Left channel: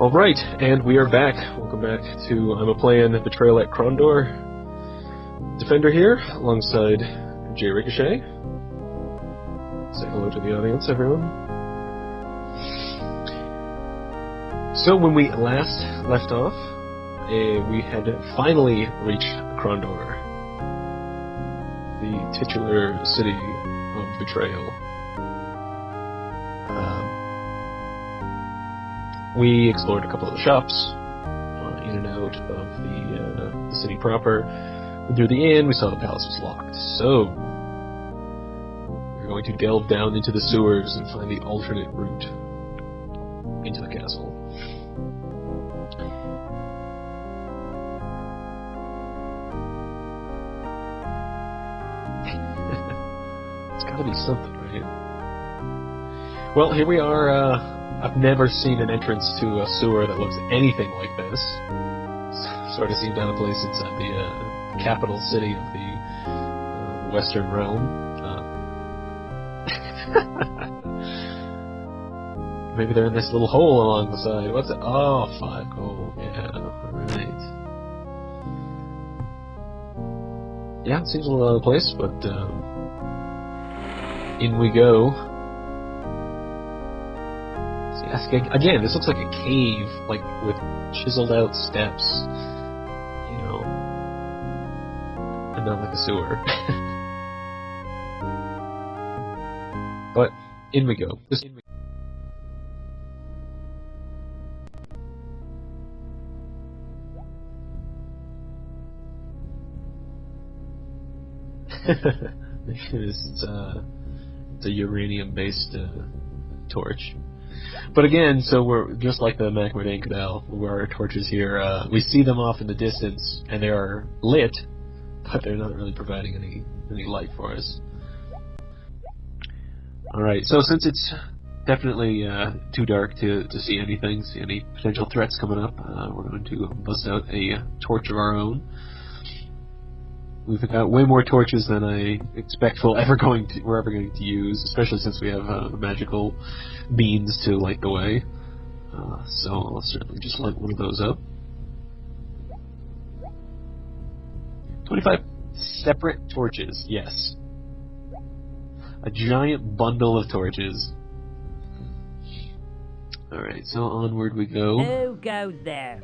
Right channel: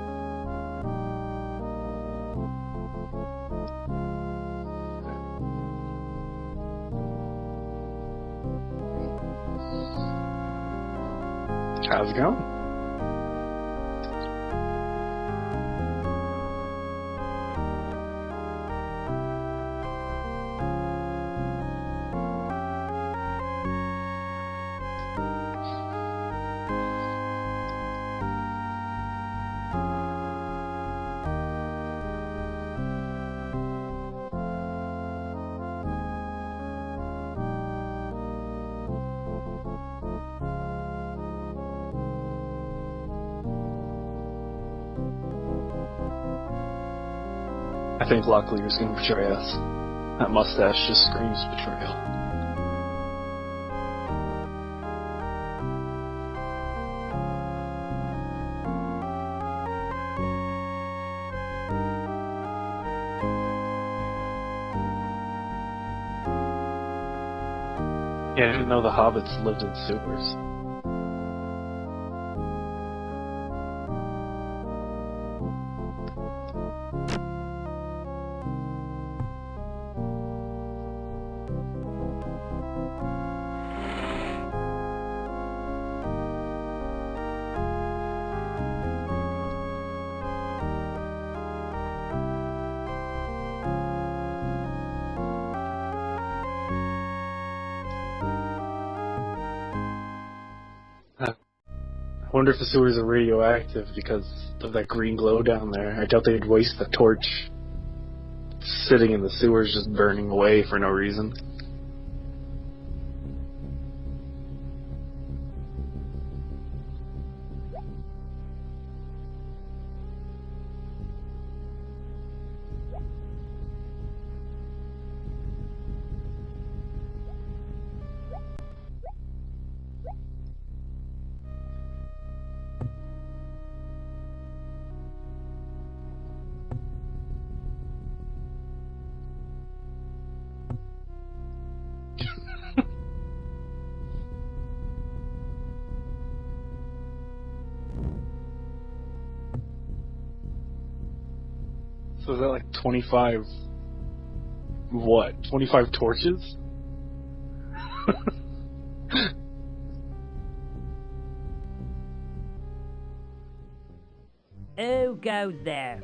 Alright, and we are back. Welcome back to I'm a Playin Betrayal at Krondor. Defender here, alongside Jay Ricochet. Say hello to the audience, everyone. How's it going? So when we last left off, we had finally reached Krondor, the titular city of Betrayal. We explored a couple of the shops, in and out of the city proper. And through the inn, we saw the palace was locked. So, we're going to delve down into the sewers and find the alternate route into the castle. I think Locklear's going to betray us. That mustache just screams betrayal. It's gotta be something, right? Well, here we are, I've never seen an entrance to a sewer that looks anything like this. Sort of seemed out of place inside the capital city of the Western Realm. Yeah, I didn't know the hobbits lived in sewers. Maybe they're in this little hole along the side. What's it? Oh, 5 gold. Yeah, right. Yeah, it seems a little out of place, but in we go. Again, this looks like a cave, like with chiseled out steps, and not like a sewer. But in we go. I wonder if the sewers are radioactive because of that green glow down there. I doubt they'd waste the torch sitting in the sewers just burning away for no reason. It's a uranium-based torch. But again, so we're just like the Macmerdane Canal, where our torches here, we see them off in the distance, and they are lit, but they're not really providing any light for us. Alright, so since it's definitely too dark to see anything, see any potential threats coming up, we're going to bust out a torch of our own. We've got way more torches than I expect we're ever going to use, especially since we have magical beans to light the way. So I'll certainly just light one of those up. So is that like 25 separate torches? Yes. A giant bundle of torches. Alright, so onward we go. Who goes there?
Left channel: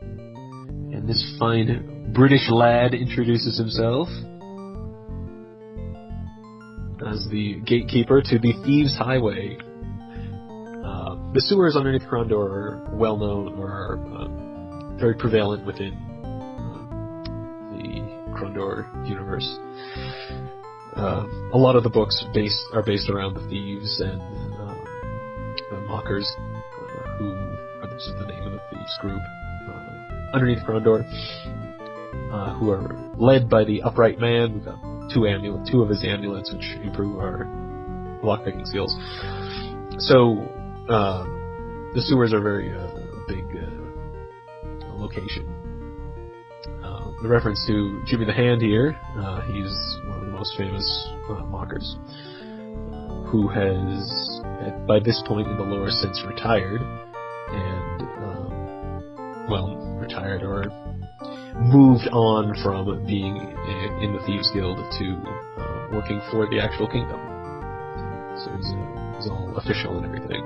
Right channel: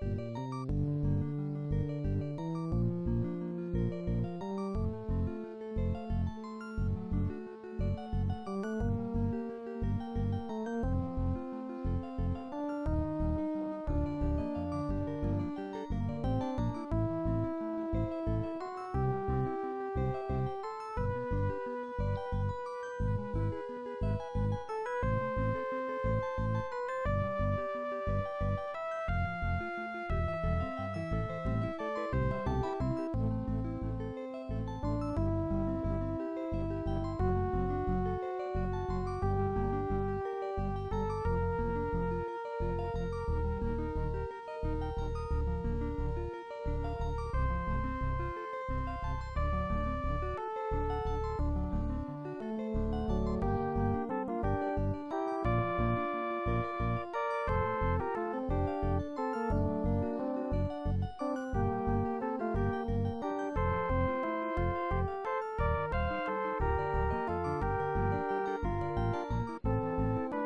And this fine British lad introduces himself as the gatekeeper to the Thieves' Highway. The sewers underneath Krondor are well known, or are very prevalent within the Krondor universe. A lot of the books are based around the thieves and the mockers, who are just the name of the thieves group underneath Krondor. Who are led by the Upright Man. We've got two of his amulets, which improve our lockpicking skills. So, the sewers are a very big location. The reference to Jimmy the Hand here, he's one of the most famous mockers, who has, by this point in the lore, since retired, and, retired or moved on from being in the Thieves Guild to working for the actual kingdom. So he's all official and everything.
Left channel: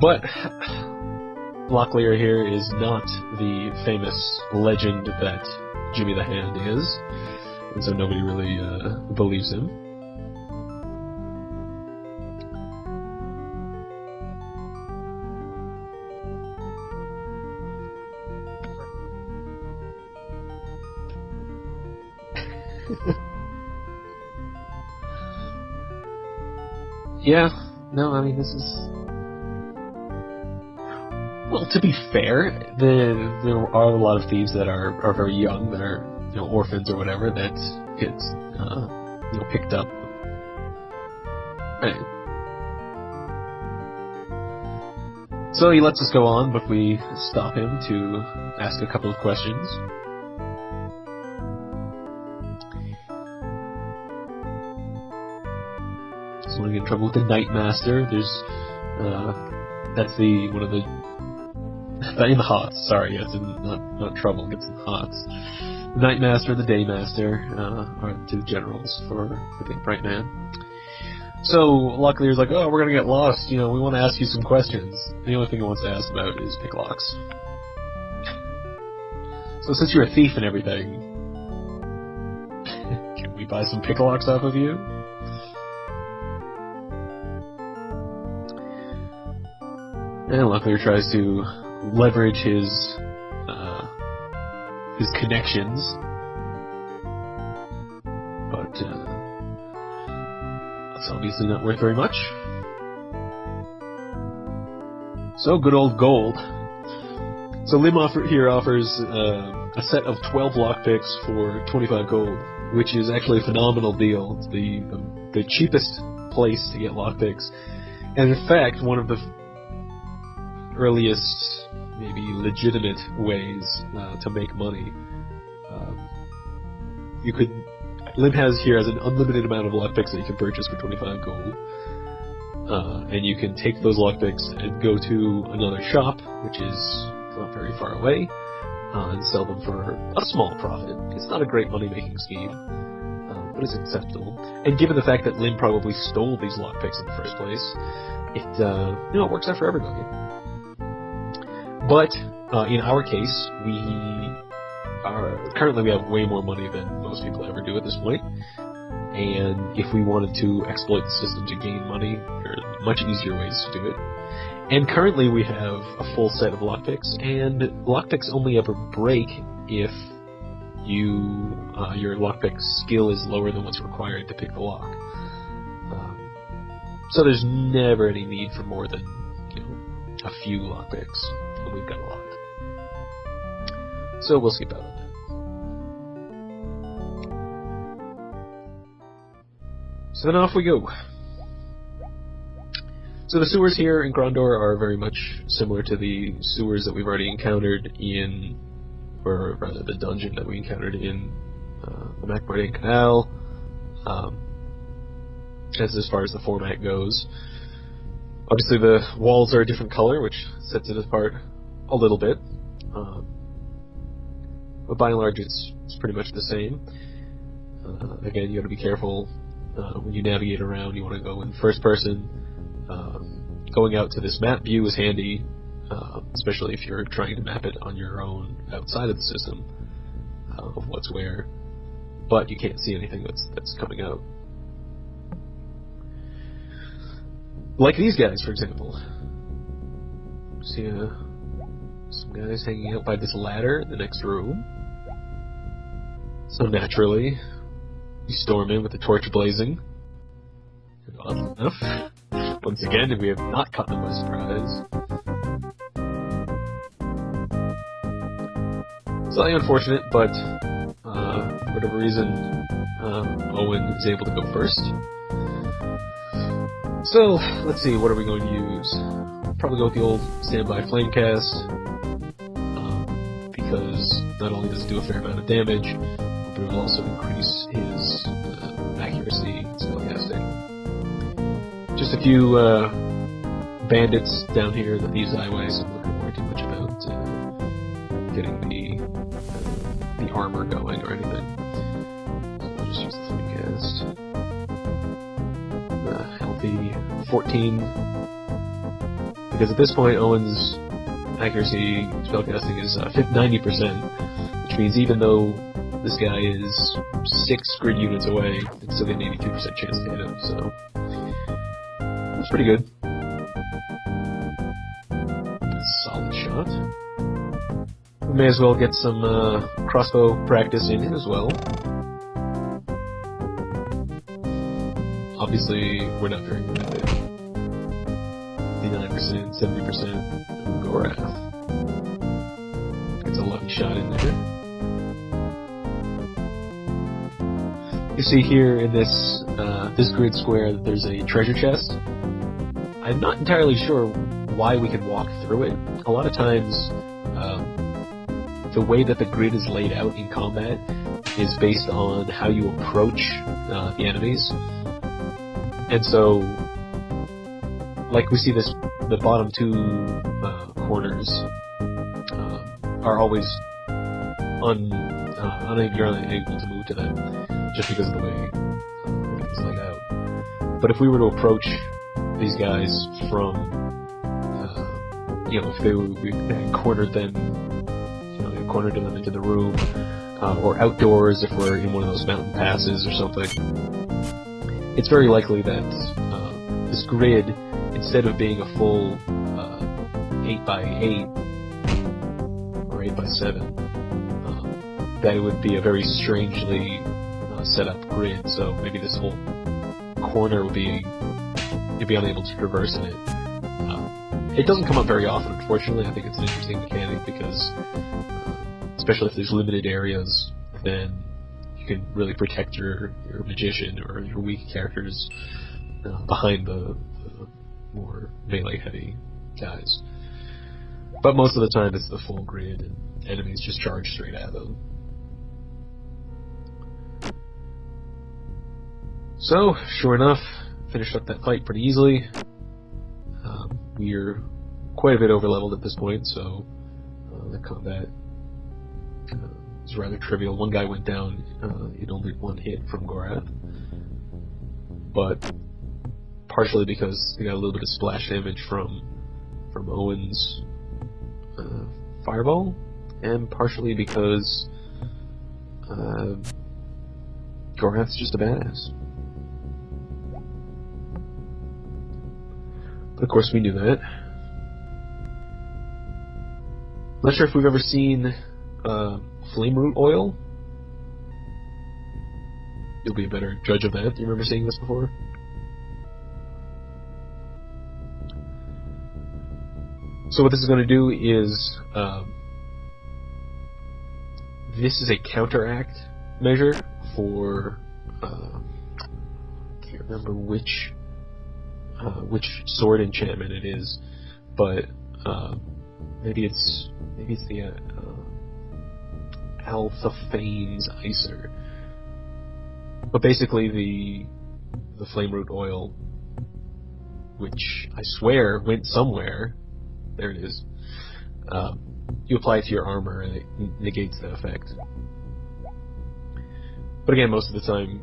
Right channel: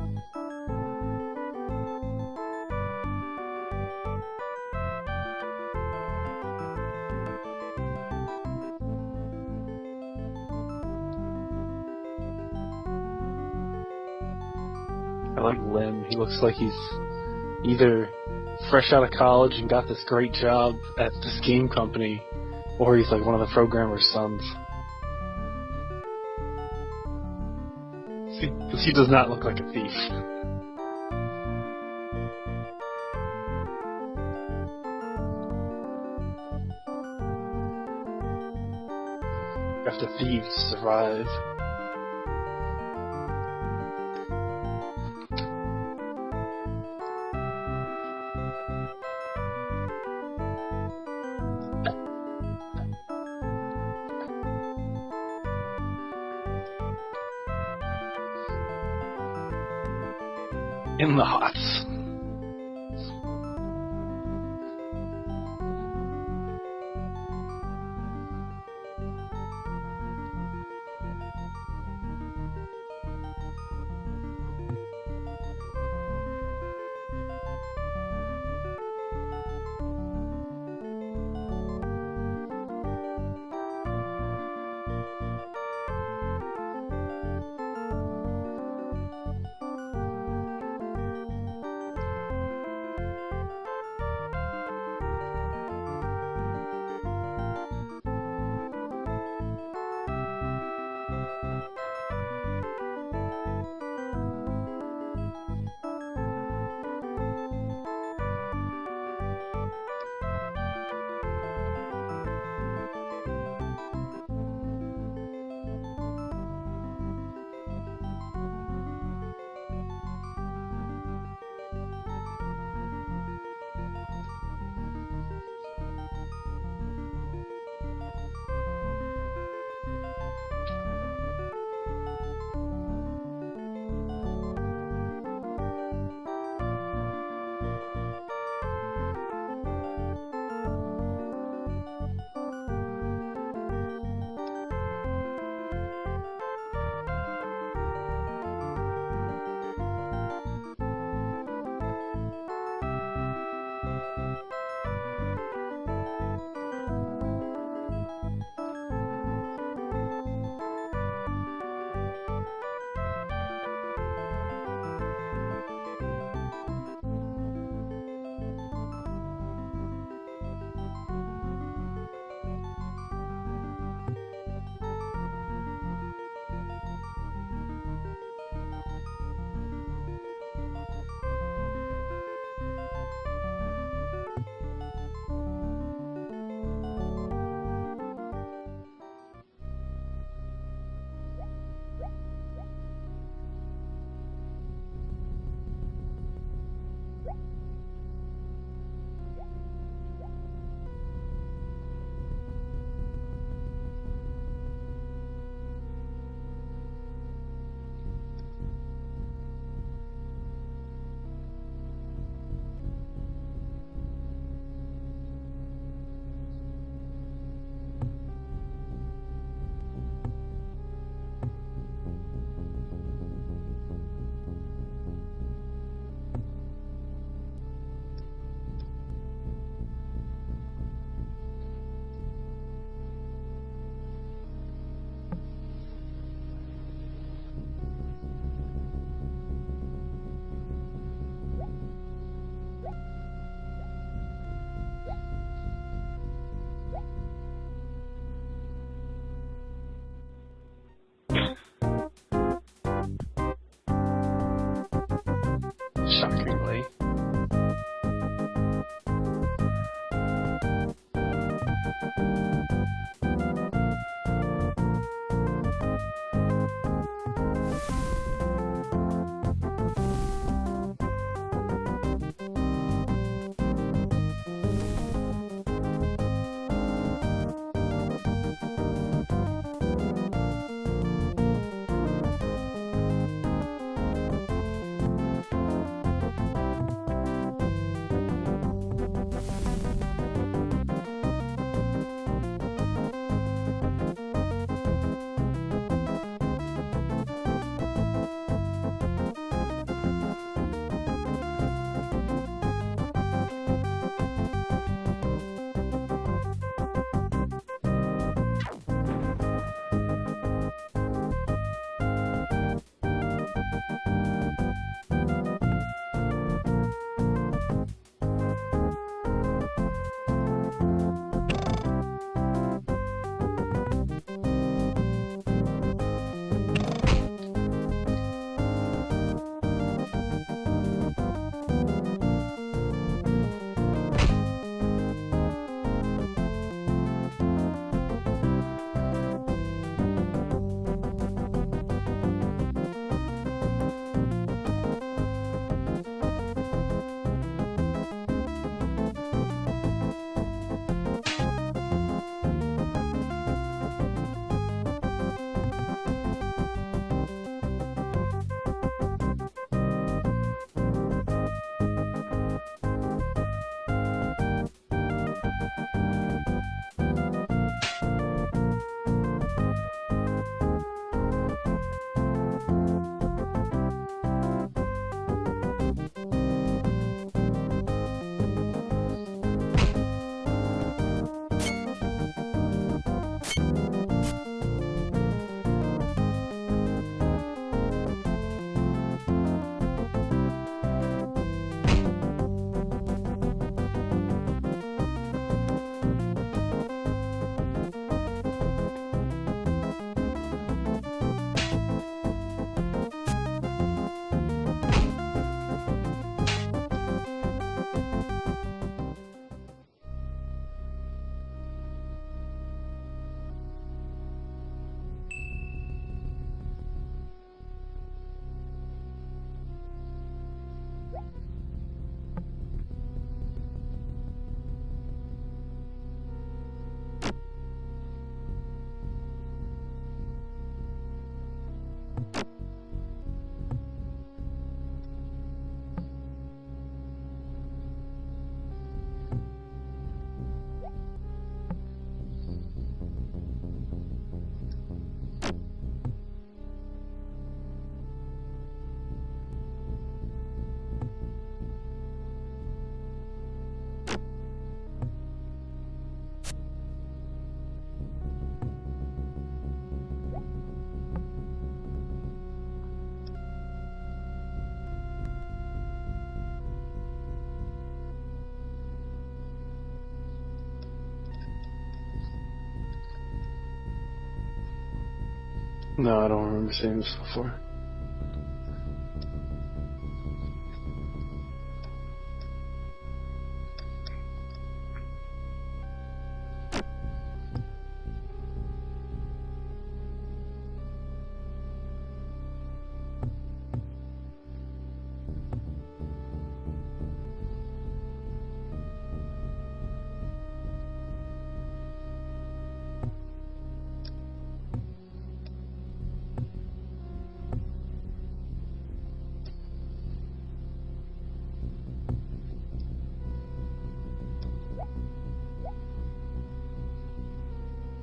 But Locklear here is not the famous legend that Jimmy the Hand is, and so nobody really believes him. I like Lem. He looks like he's either fresh out of college and got this great job at this game company, or he's like one of the programmer's sons. Yeah, no, I mean he does not look like a thief. Well, to be fair, there are a lot of thieves that are very young, that are orphans or whatever, that get picked up. You have to thieve to survive. Right. So he lets us go on, but we stop him to ask a couple of questions. trouble with the Night Master. There's that's one of the In the hots. in the hots. Sorry, yes, not trouble. Gets in the hots. The Night Master and the Day Master are the two generals for the Big Bright Man. So luckily, he's like, "Oh, we're gonna get lost. We want to ask you some questions." The only thing he wants to ask about is picklocks. So since you're a thief and everything, can we buy some picklocks off of you? And luckily, he tries to leverage his connections, but that's obviously not worth very much. So good old gold. So Lim offers a set of 12 lockpicks for 25 gold, which is actually a phenomenal deal. It's the cheapest place to get lockpicks, and in fact, one of the earliest, maybe legitimate ways to make money. Lim has an unlimited amount of lockpicks that you can purchase for 25 gold, and you can take those lockpicks and go to another shop, which is not very far away, and sell them for a small profit. It's not a great money-making scheme, but it's acceptable. And given the fact that Lim probably stole these lockpicks in the first place, it works out for everybody. But in our case, currently we have way more money than most people ever do at this point. And if we wanted to exploit the system to gain money, there are much easier ways to do it. And currently we have a full set of lockpicks, and lockpicks only ever break if your lockpick skill is lower than what's required to pick the lock. So there's never any need for more than a few lockpicks when we've got locked. So we'll skip out on that. So then off we go. So the sewers here in Krondor are very much similar to the sewers that we've already encountered or rather the dungeon that we encountered in the Macmordian Canal, as far as the format goes. Obviously the walls are a different color, which sets it apart a little bit, but by and large it's pretty much the same. Again, you got to be careful when you navigate around. You want to go in first person. Going out to this map view is handy, especially if you're trying to map it on your own outside of the system of what's where, but you can't see anything that's coming out. Like these guys, for example. See some guys hanging out by this ladder in the next room. So naturally, you storm in with the torch blazing. Oddly enough, once again, we have not caught them by surprise. Shockingly. Slightly unfortunate, but for whatever reason, Owen is able to go first. So, let's see, what are we going to use? Probably go with the old standby flamecast, because not only does it do a fair amount of damage, but it will also increase his accuracy in spellcasting. Just a few bandits down here that use highways, so we're not too much about getting the armor going or anything. Just use the flamecast. 14, because at this point Owen's accuracy spellcasting is 90%, which means even though this guy is 6 grid units away, it's still an 82% chance to hit him, so it's pretty good. Solid shot. May as well get some crossbow practice in as well. Obviously, we're not very good at it. 59%, 70%. Gorath. It's a lucky shot in there. You see here in this grid square that there's a treasure chest. I'm not entirely sure why we can walk through it. A lot of times, the way that the grid is laid out in combat is based on how you approach the enemies. And so, like we see this, the bottom two corners are always you're unable to move to them just because of the way it's laid out. But if we were to approach these guys from, if we cornered them, we cornered them into the room, or outdoors if we're in one of those mountain passes or something, it's very likely that this grid, instead of being a full 8x8 or 8x7, that it would be a very strangely set up grid. So maybe this whole corner would be, you'd be unable to traverse in it. It doesn't come up very often, unfortunately. I think it's an interesting mechanic because, especially if there's limited areas, then you can really protect your magician or your weak characters behind the more melee-heavy guys. But most of the time it's the full grid, and enemies just charge straight at them. So, sure enough, finished up that fight pretty easily. We're quite a bit over-leveled at this point, so the combat is rather trivial. One guy went down in only one hit from Gorath, but partially because he got a little bit of splash damage from Owen's fireball, and partially because Gorath's just a badass. But of course we knew that. Not sure if we've ever seen flame root oil. You'll be a better judge of that. Do you remember seeing this before? No, I don't remember seeing this before. So what this is going to do is, this is a counteract measure for, I can't remember which sword enchantment it is, but maybe it's the Alphafane's Icer. But basically the flame root oil, which I swear went somewhere, there it is, you apply it to your armor and it negates that effect. But again, most of the time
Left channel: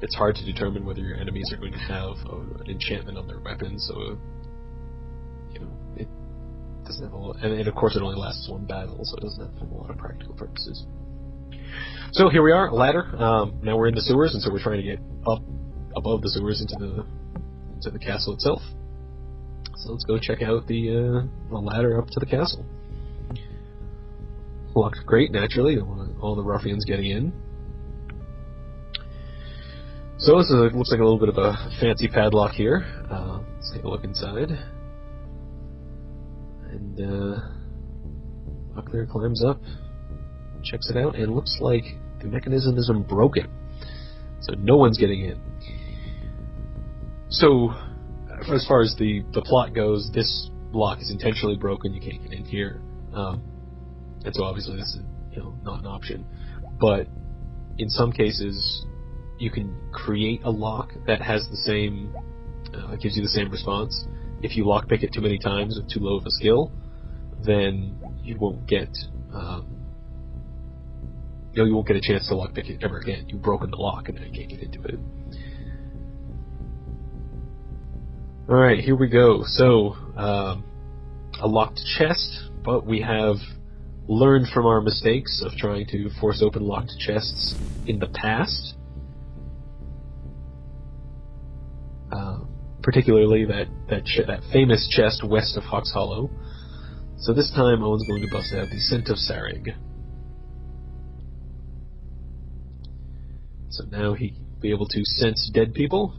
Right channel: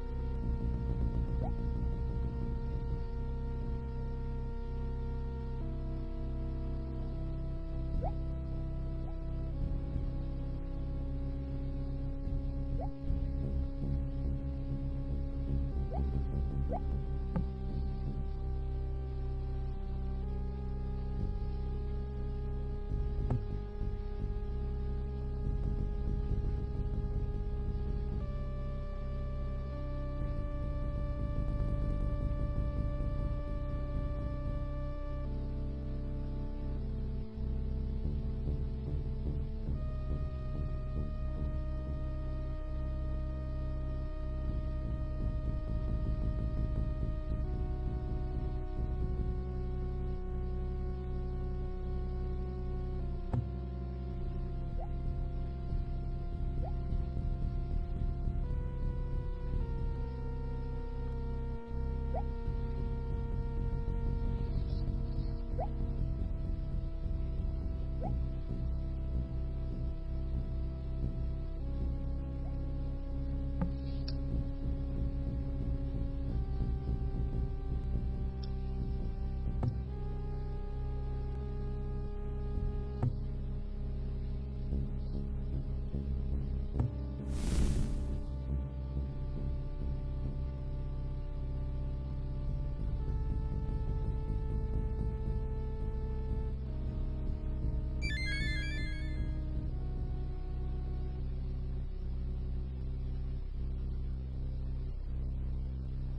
it's hard to determine whether your enemies are going to have an enchantment on their weapon, so it doesn't have a lot, and of course it only lasts one battle, so it doesn't have a lot of practical purposes. So here we are, a ladder. Now we're in the sewers, and so we're trying to get up above the sewers into the castle itself. So let's go check out the ladder up to the castle. Locked great, naturally. Don't want all the ruffians getting in. So this looks like a little bit of a fancy padlock here. Let's take a look inside. And Buckler climbs up, checks it out, and looks like the mechanism is unbroken. So no one's getting in. So, as far as the plot goes, this lock is intentionally broken, you can't get in here. And so obviously this is not an option. But in some cases, you can create a lock that has the same, gives you the same response. If you lockpick it too many times with too low of a skill, then you won't get, you won't get a chance to lockpick it ever again. You've broken the lock and then you can't get into it. Alright, here we go. So, a locked chest, but we have learned from our mistakes of trying to force open locked chests in the past. Particularly that famous chest west of Hawk's Hollow. So this time Owen's going to bust out the Scent of Sarig. So now he'll be able to sense dead people.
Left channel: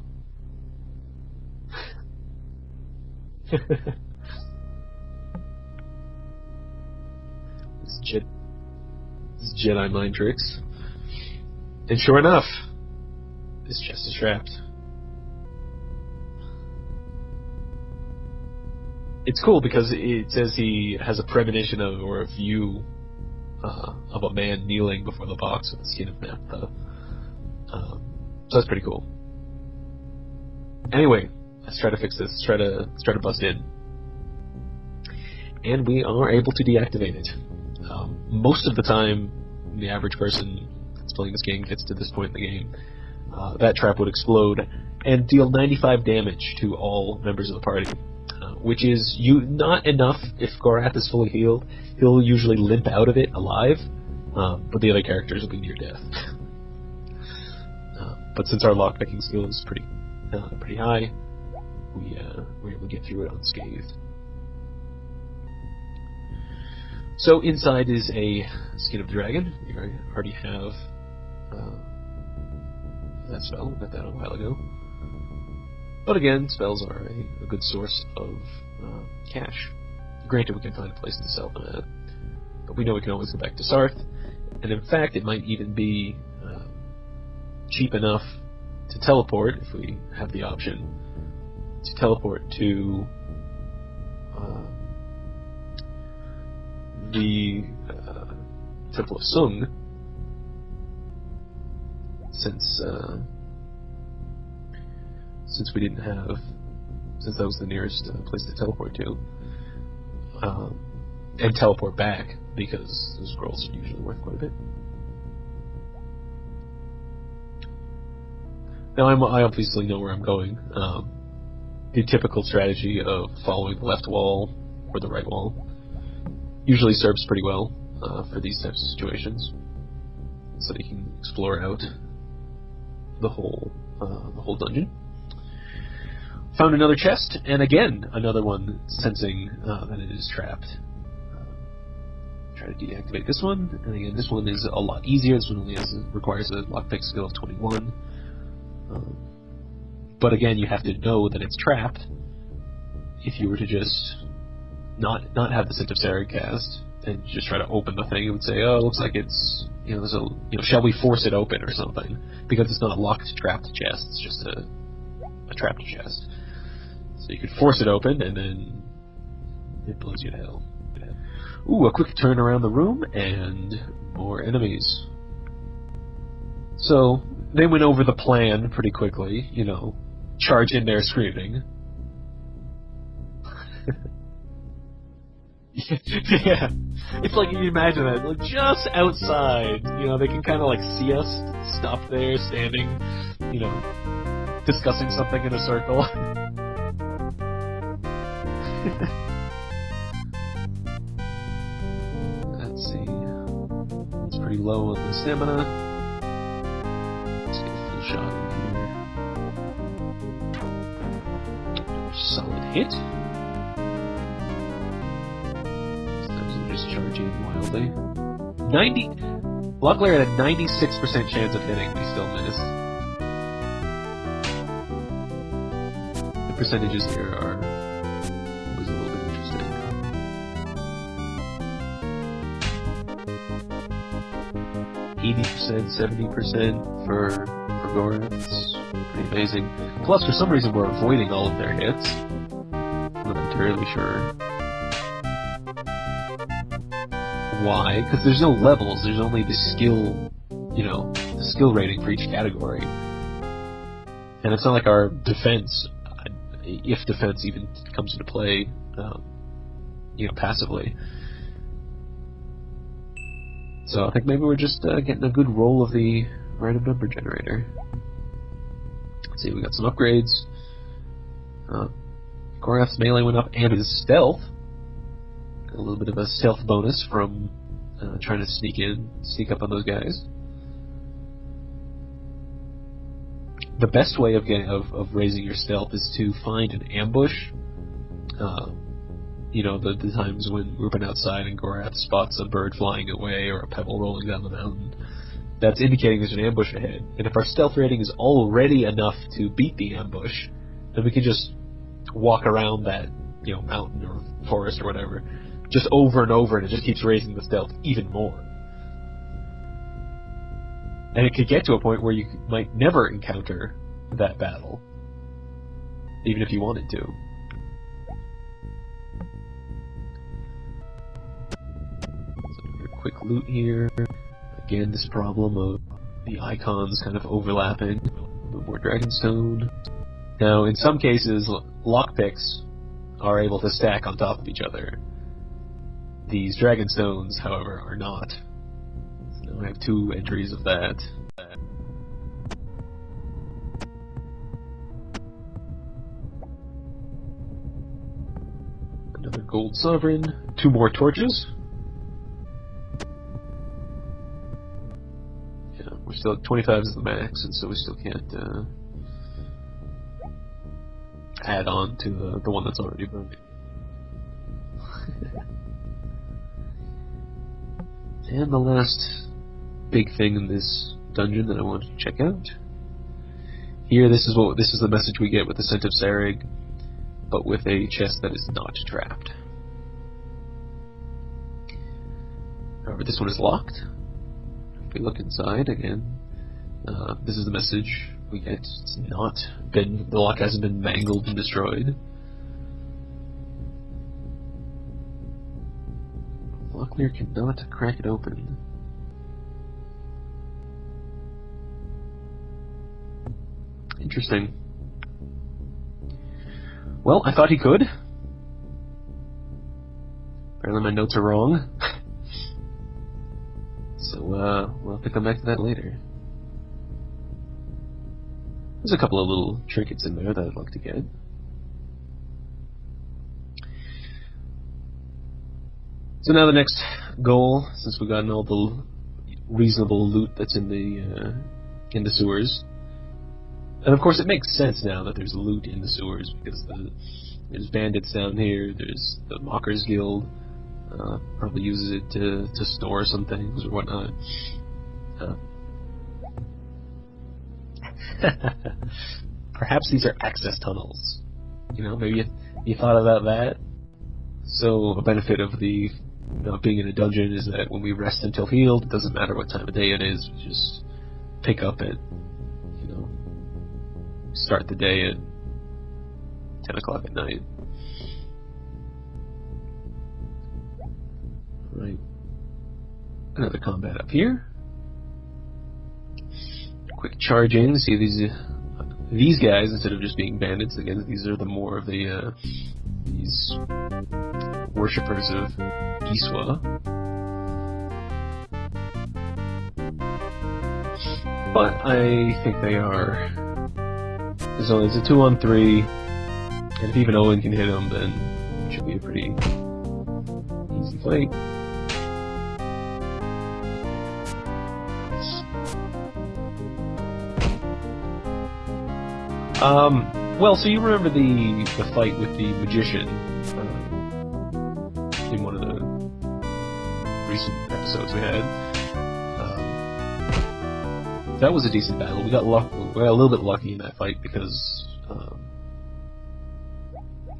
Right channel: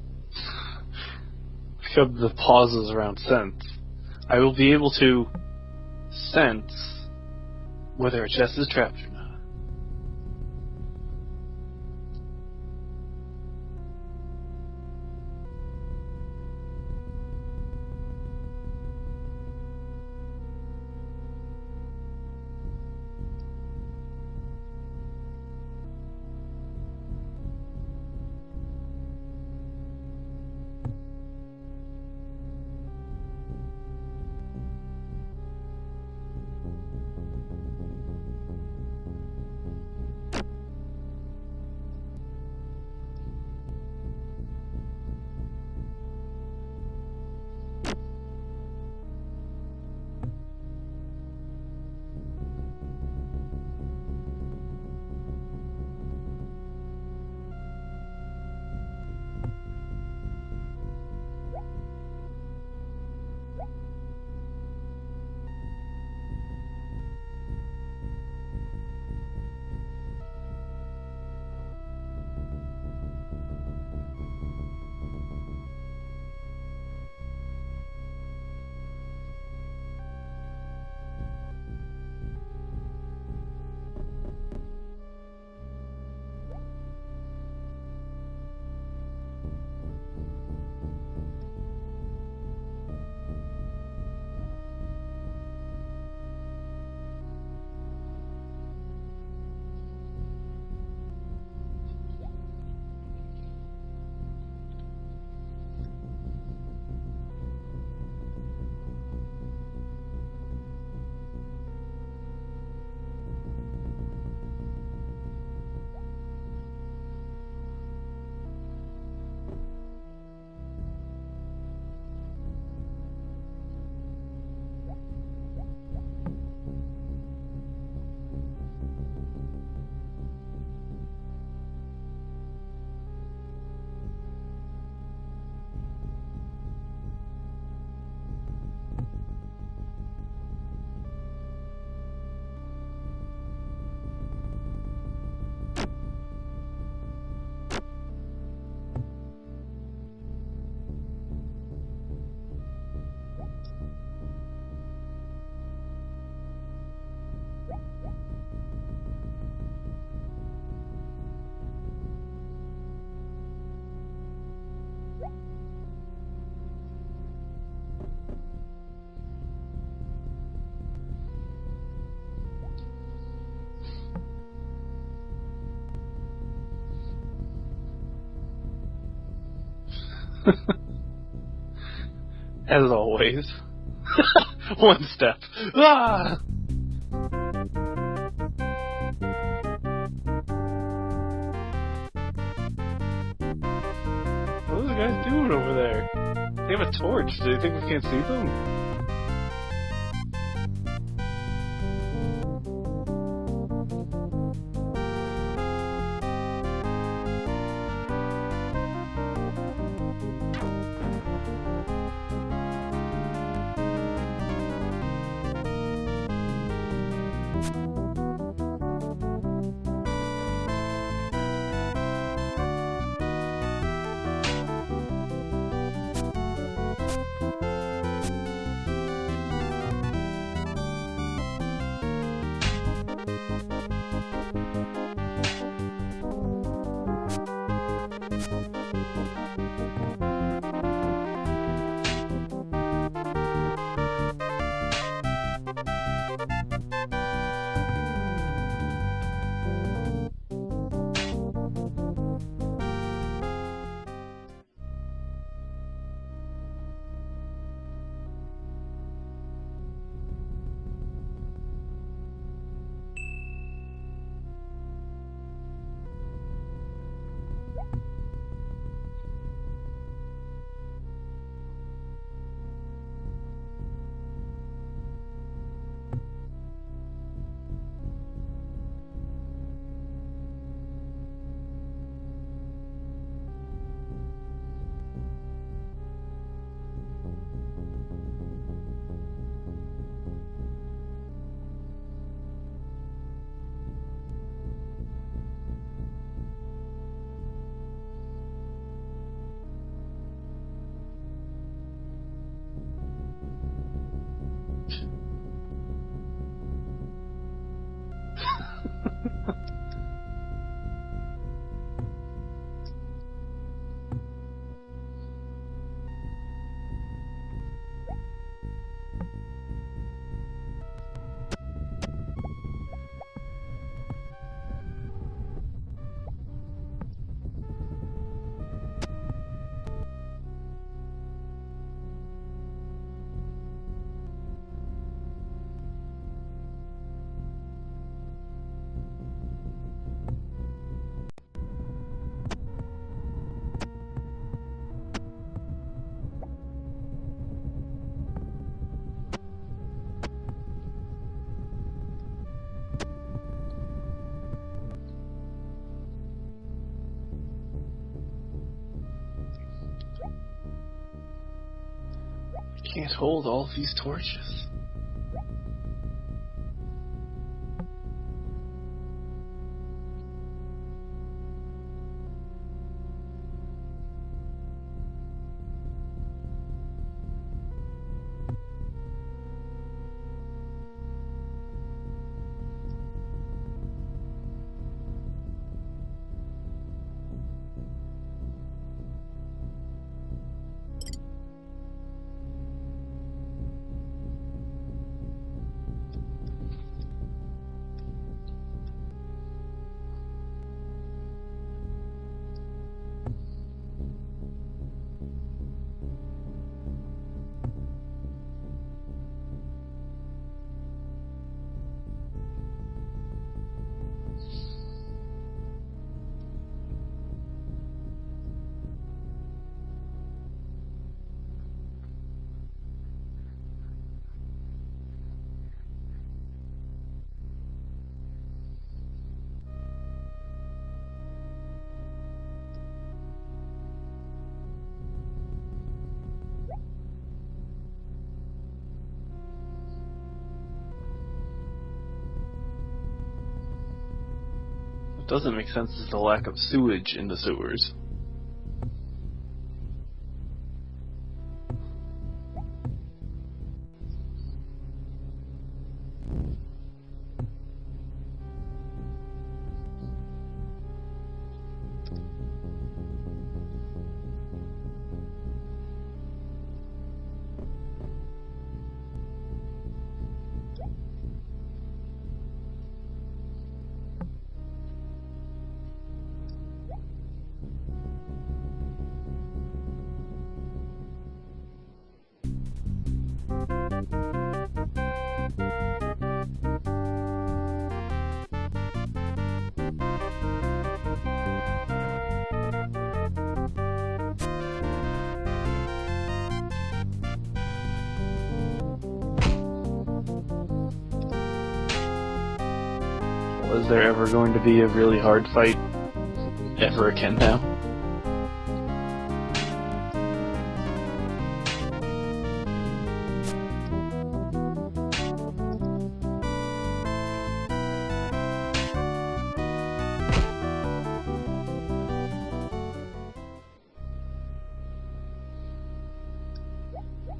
The pauses around sense. I will be able to sense whether a chest is trapped or not. It's Jedi mind tricks. And sure enough, this chest is trapped. It's cool because it says he has a premonition of, or a view of a man kneeling before the box with the skin of Naphtha. So that's pretty cool. Anyway, let's try to fix this. Let's try to bust in. And we are able to deactivate it. Most of the time, the average person that's playing this game gets to this point in the game, that trap would explode and deal 95 damage to all members of the party, which is not enough if Gorath is fully healed. He'll usually limp out of it alive, but the other characters will be near death. But since our lockpicking skill is pretty high, we're able to get through it unscathed. So inside is a Skin of Dragon. You already have that spell. We got that a while ago. But again, spells are a good source of cash. Granted, we can find a place to sell them at, but we know we can always go back to Sarth. And in fact, it might even be cheap enough to teleport, if we have the option, to teleport to the Temple of Sung, since we didn't have, since that was the nearest place to teleport to, and teleport back, because those scrolls are usually worth quite a bit. Now I obviously know where I'm going. The typical strategy of following the left wall or the right wall usually serves pretty well for these types of situations, so that you can explore out the whole dungeon. Found another chest, and again another one sensing that it is trapped. Try to deactivate this one, and again this one is a lot easier. This one only requires a lockpick skill of 21. But again, you have to know that it's trapped. If you were to just not have the Scent of Sari cast and just try to open the thing, it would say, "Oh, it looks like it's there's a shall we force it open or something?" Because it's not a locked trapped chest; it's just a trapped chest. So you could force it open, and then it blows you to hell. Ooh, a quick turn around the room and more enemies. So they went over the plan pretty quickly, charge in there screaming. As always. One step. Ah! Yeah. It's like, if you imagine that, like just outside, they can kind of like see us, stop there, standing, discussing something in a circle. They have a torch. Do you think we can't see them? Let's see. It's pretty low on the stamina. Solid hit. Just charging wildly. 90. Locklear had a 96% chance of hitting. He still missed. The percentages here are was a little bit interesting. 80%, 70% for Gorath. It's pretty amazing. Plus, for some reason, we're avoiding all of their hits. I'm not entirely sure why. Because there's no levels. There's only the skill, the skill rating for each category. And it's not like our defense, if defense even comes into play, passively. So I think maybe we're just getting a good roll of the random number generator. Let's see, we got some upgrades. Gorath's melee went up, and his stealth. Got a little bit of a stealth bonus from trying to sneak up on those guys. The best way of raising your stealth is to find an ambush. The times when we've been outside and Gorath spots a bird flying away or a pebble rolling down the mountain. That's indicating there's an ambush ahead. And if our stealth rating is already enough to beat the ambush, then we can just walk around that, mountain or forest or whatever, just over and over, and it just keeps raising the stealth even more. And it could get to a point where you might never encounter that battle, even if you wanted to. Quick loot here. Again, this problem of the icons kind of overlapping. A little more Dragonstone. Now, in some cases, lockpicks are able to stack on top of each other. These dragon stones, however, are not. So I have 2 entries of that. Another gold sovereign. 2 more torches. Yeah, we're still at 25 is the max, and so we still can't add on to the one that's on. Can't hold all these torches. And the last big thing in this dungeon that I wanted to check out. Here, this is the message we get with the Scent of Sarig, but with a chest that is not trapped. However, this one is locked. If we look inside again, this is the message we get. It's not been, the lock hasn't been mangled and destroyed. Locklear cannot crack it open. Interesting. Well, I thought he could. Apparently my notes are wrong. So, we'll have to come back to that later. There's a couple of little trinkets in there that I'd like to get. So now the next goal, since we've gotten all the reasonable loot that's in the sewers, and of course it makes sense now that there's loot in the sewers because there's bandits down here. There's the Mockers Guild, probably uses it to store some things or whatnot. It doesn't make sense as the lack of sewage in the sewers. Perhaps these are access tunnels. You know, maybe you thought about that. So a benefit of the being in a dungeon is that when we rest until healed, it doesn't matter what time of day it is. We just pick up at, start the day at 10 o'clock at night. Right. Another combat up here. Quick charging. See these guys, instead of just being bandits, again, these are the more of the these worshippers of Iswa. But I think they are. So it's a 2-on-3, and if even Owen can hit them, then it should be a pretty easy fight. Was there ever going to be a really hard fight ever again now? Well, so you remember the fight with the magician in one of the recent episodes we had? That was a decent battle. We got a little bit lucky in that fight because,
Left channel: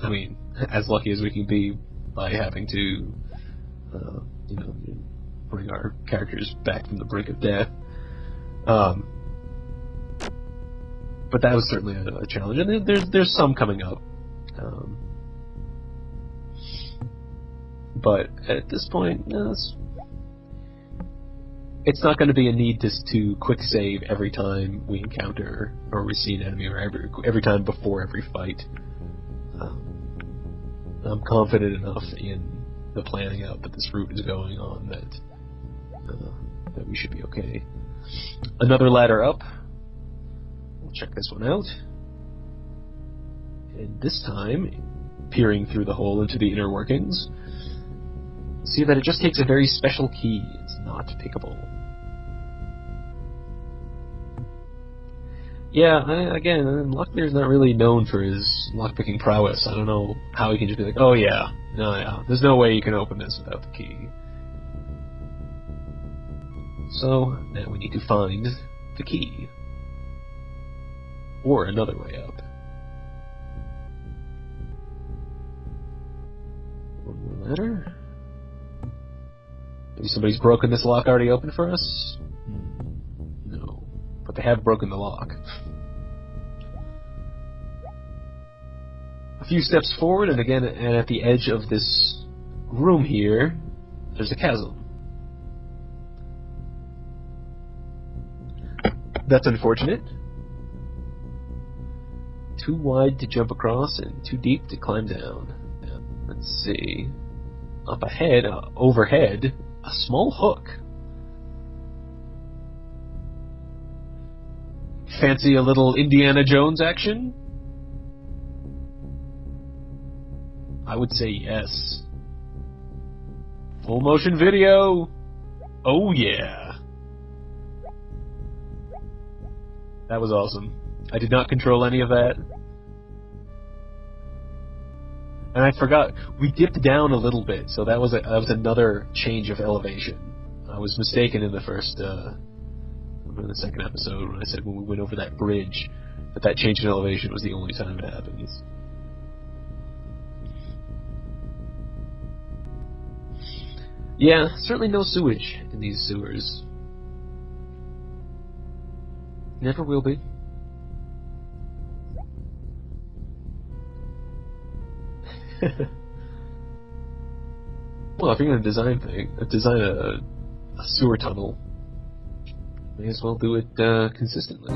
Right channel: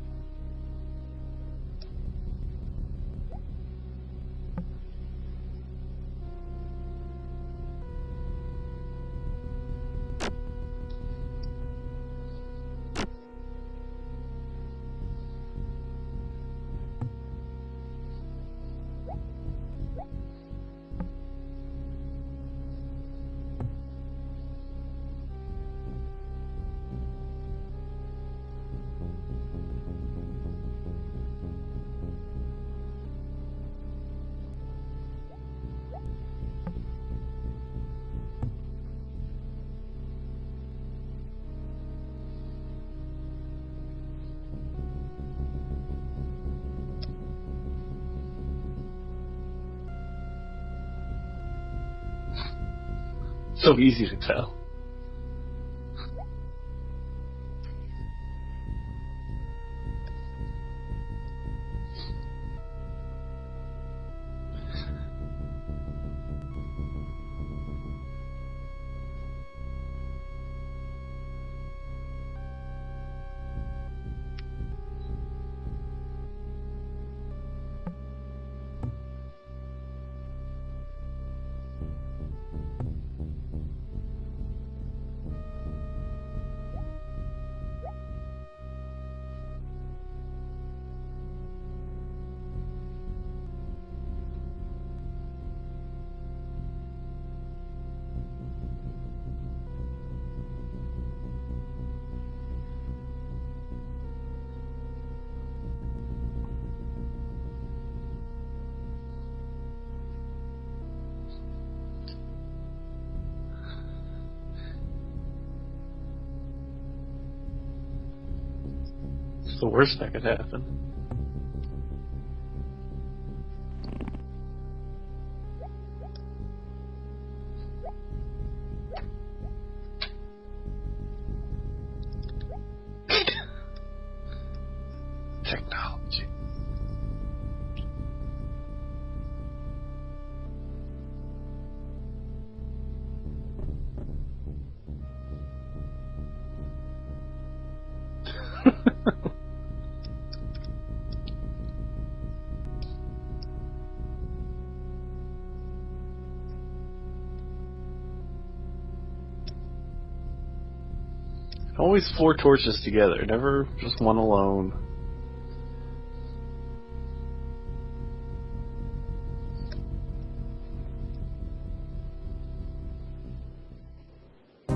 I mean, as lucky as we can be by having to, bring our characters back from the brink of death. But that was certainly a challenge, and there's some coming up. But at this point, it's not going to be a need to quick save every time we encounter or we see an enemy, or every time before every fight. I'm confident enough in the planning out that this route is going on that we should be okay. Another ladder up. Check this one out. And this time, peering through the hole into the inner workings, see that it just takes a very special key. It's not pickable. So easy to tell. Yeah, again, Locklear's not really known for his lockpicking prowess. I don't know how he can just be like, oh yeah, there's no way you can open this without the key. So, now we need to find the key. Or another way up. One more ladder. Maybe somebody's broken this lock already open for us? No. But they have broken the lock. A few steps forward, and again, and at the edge of this room here, there's a chasm. That's unfortunate. too wide to jump across and too deep to climb down. And let's see. Up ahead, overhead, a small hook. Fancy a little Indiana Jones action? It's the worst that could happen. I would say yes. Full motion video! Oh yeah! That was awesome. I did not control any of that. And I forgot, we dipped down a little bit, so that was another change of elevation. I was mistaken in the second episode when I said when we went over that bridge that change in elevation was the only time it had. Yeah, certainly no sewage in these sewers. Never will be. Always 4 torches together, never just one alone. Well, if you're going to design a sewer tunnel, may as well do it consistently.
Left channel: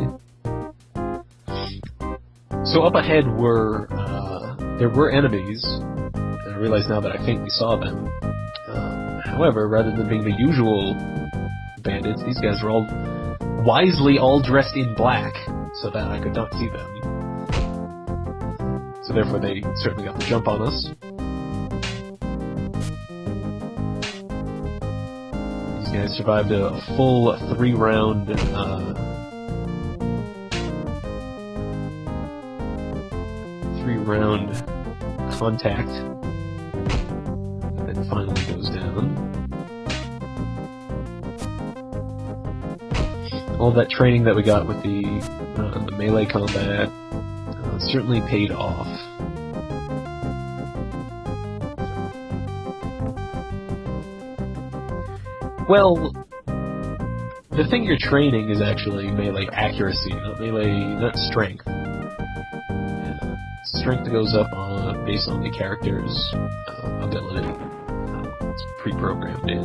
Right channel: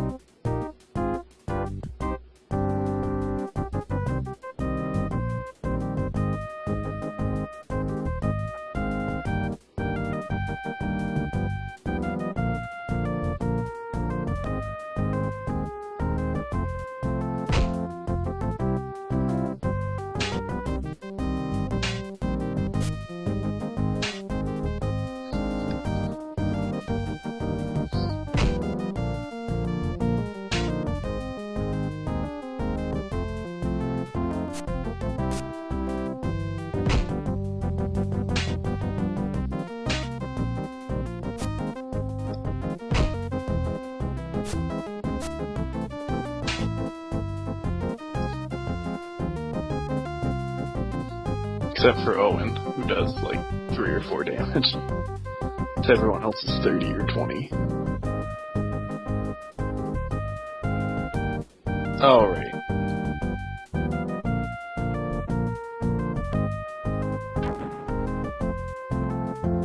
So up ahead there were enemies. And I realize now that I think we saw them. However, rather than being the usual bandits, these guys were all wisely all dressed in black, so that I could not see them. So therefore they certainly got the jump on us. These guys survived a full 3-round contact. And then finally goes down. All that training that we got with the melee combat certainly paid off. Except for Owen, who does like 3 or 4 damage. Well, everyone else is 30 or 20. The thing you're training is actually melee accuracy, not strength. Oh, right. Yeah. Strength goes up based on the character's ability. It's pre-programmed in.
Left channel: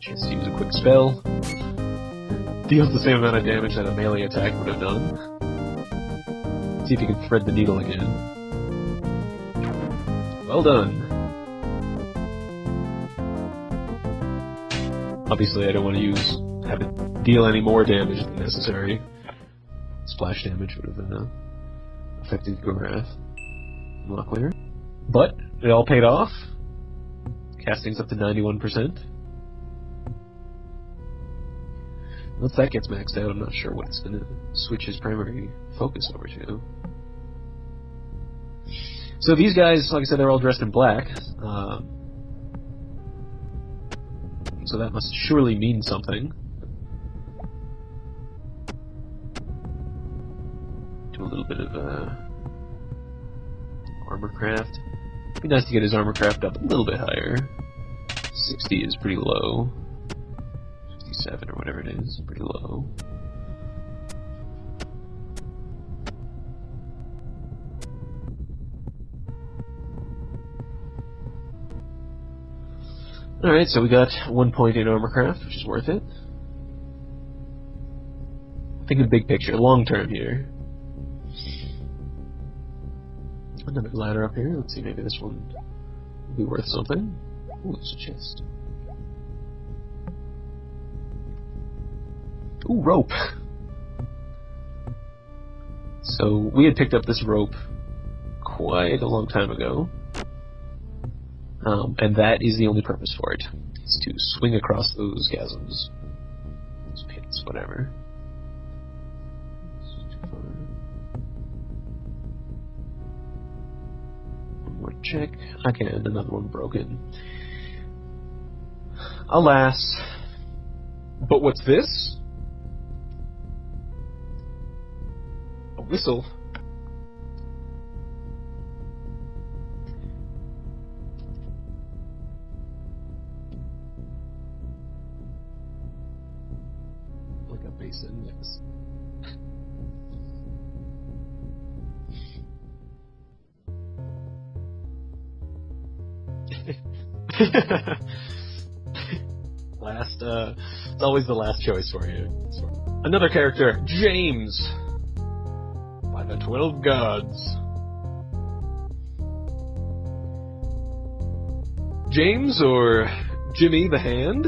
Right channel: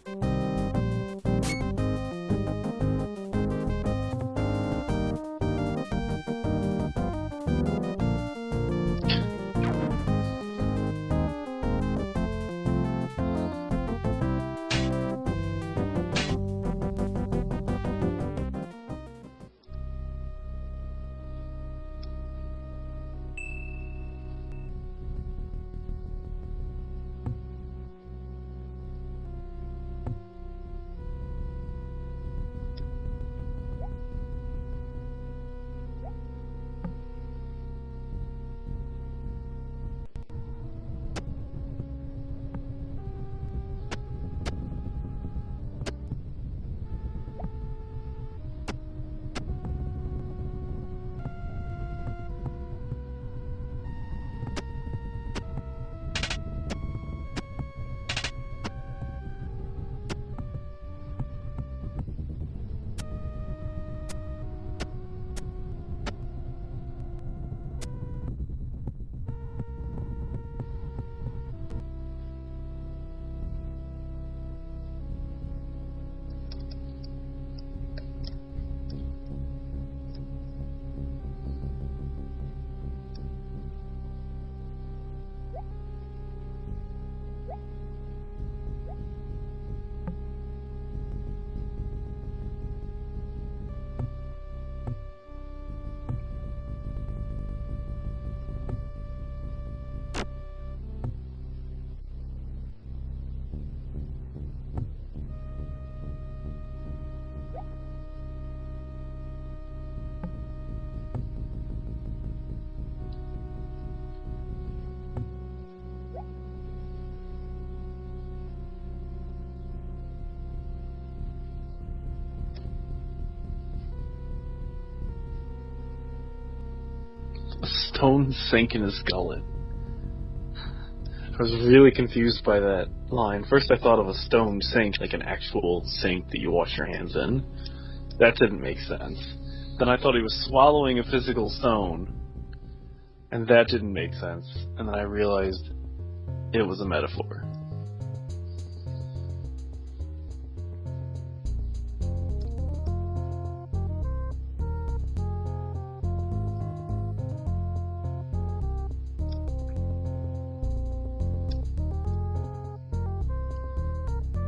Just use a quick spell. Deals the same amount of damage that a melee attack would have done. See if you can thread the needle again. Well done. Obviously, I don't want to have it deal any more damage than necessary. Splash damage would have been affected your wrath. A lot clearer. But it all paid off. Casting's up to 91%. Once that gets maxed out, I'm not sure what it's going to switch his primary focus over to. So these guys, like I said, they're all dressed in black. So that must surely mean something. Do a little bit of armor craft. It'd be nice to get his armor craft up a little bit higher. 60 is pretty low. 67 or whatever it is, pretty low. Alright, so we got 1 point in armorcraft, which is worth it. Thinking big picture, long term here. Another ladder up here, let's see, maybe this one will be worth something. Ooh, it's a chest. Ooh, rope! So, we had picked up this rope quite a long time ago. And that is the only purpose for it. Is to swing across those chasms. Those pits, whatever. One more check. Okay, another one broken. Alas. But what's this? A whistle. A stone sink in his gullet. I was really confused by that line. First I thought of a stone sink, like an actual sink that you wash your hands in. That didn't make sense. Then I thought he was swallowing a physical stone. And that didn't make sense. And then I realized it was a metaphor. It's always the last choice for you. Another character, James. The 12 gods. James, or Jimmy the Hand,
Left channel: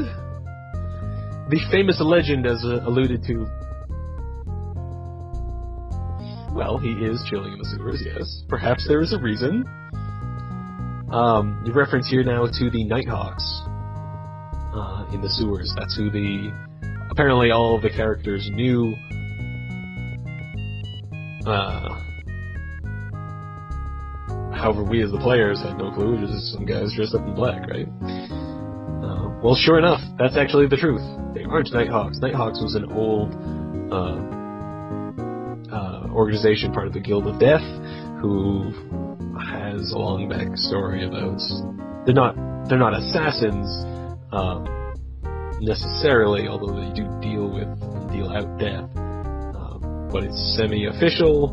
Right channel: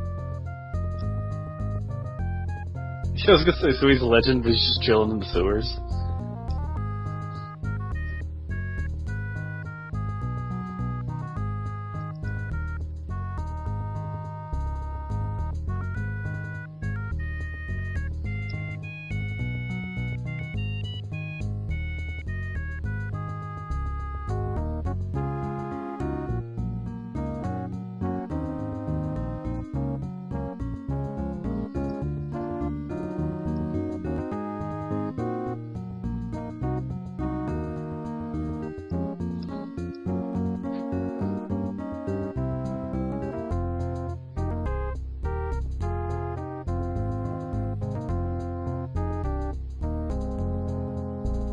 the famous legend as alluded to. I was gonna say, so he's a legend, but he's just chilling in the sewers. Well, he is chilling in the sewers, yes. Perhaps there is a reason. You reference here now to the Nighthawks in the sewers. That's who apparently all of the characters knew. However, we as the players had no clue. Just some guys dressed up in black, right? Well, sure enough, that's actually the truth. They aren't Nighthawks. Nighthawks was an old organization, part of the Guild of Death, who has a long backstory about. They're not assassins necessarily, although they do deal out death. But it's semi-official,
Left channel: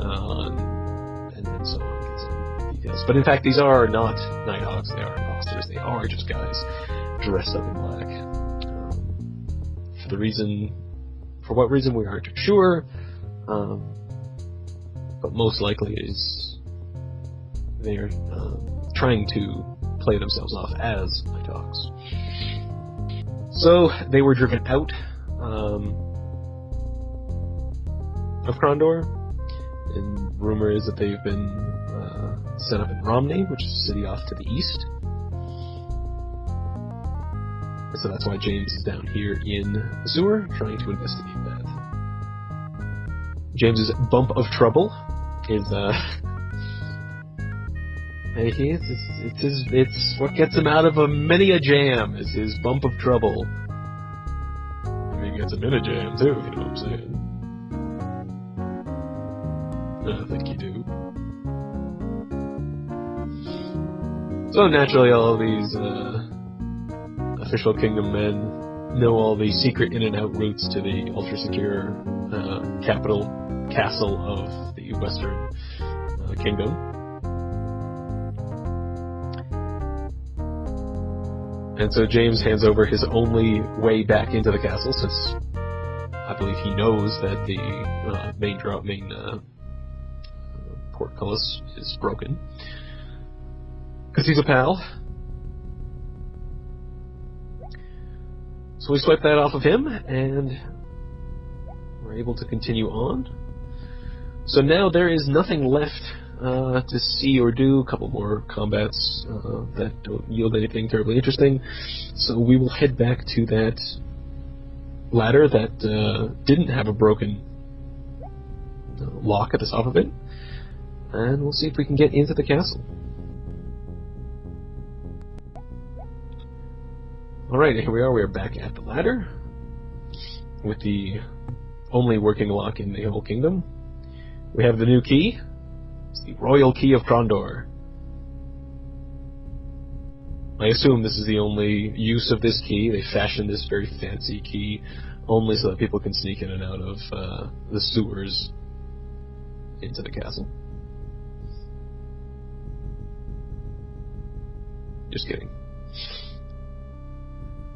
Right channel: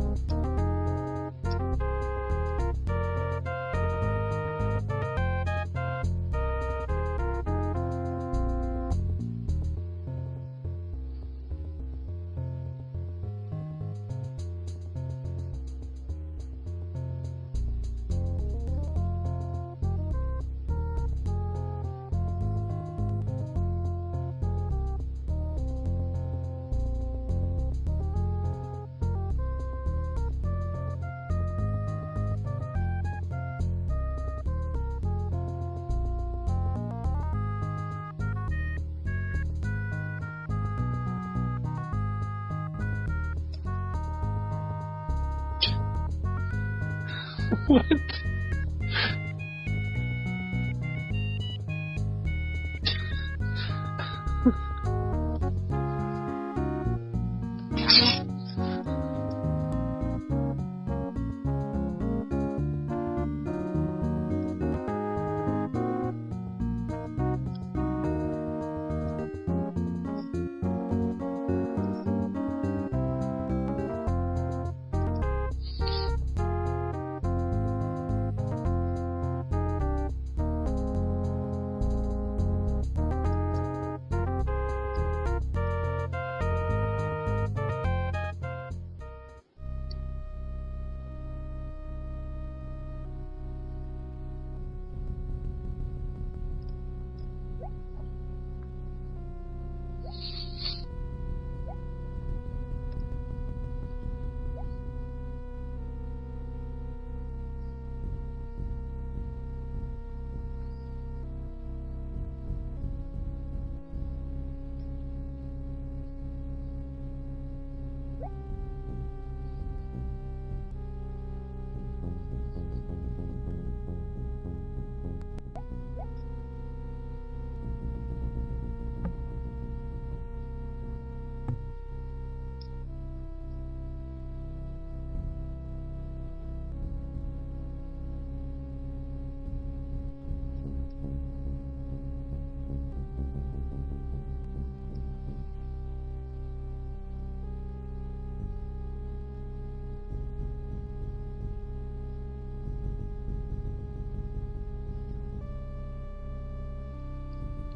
and so on. Details. But in fact, these are not Nighthawks. They are imposters. They are just guys dressed up in black. For what reason we aren't sure. But most likely is they are trying to play themselves off as Nighthawks. So they were driven out of Krondor, and rumor is that they've been set up in Romney, which is a city off to the east. So that's why James is down here in the sewer, trying to investigate that. James's bump of trouble is What? It's what gets him out of many a jam. Is his bump of trouble. He gets him in a jam too. You know what I'm saying? I think you do. So naturally, all of these official kingdom men know all the secret in and out routes to the ultra secure castle of the Western Kingdom. And so James hands over his only way back into the castle, since I believe he knows that the main portcullis is broken. Because he's a pal. So we swipe that off of him, and we're able to continue on. So now there is nothing left to see or do. A couple more combats that don't yield anything terribly interesting. So we will head back to that ladder that didn't have a broken lock at the top of it, and we'll see if we can get into the castle. Alright, here we are. We are back at the ladder with the only working lock in the whole kingdom. We have the new key. It's the Royal Key of Krondor. I assume this is the only use of this key. They fashioned this very fancy key only so that people can sneak in and out of the sewers into the castle. Just kidding.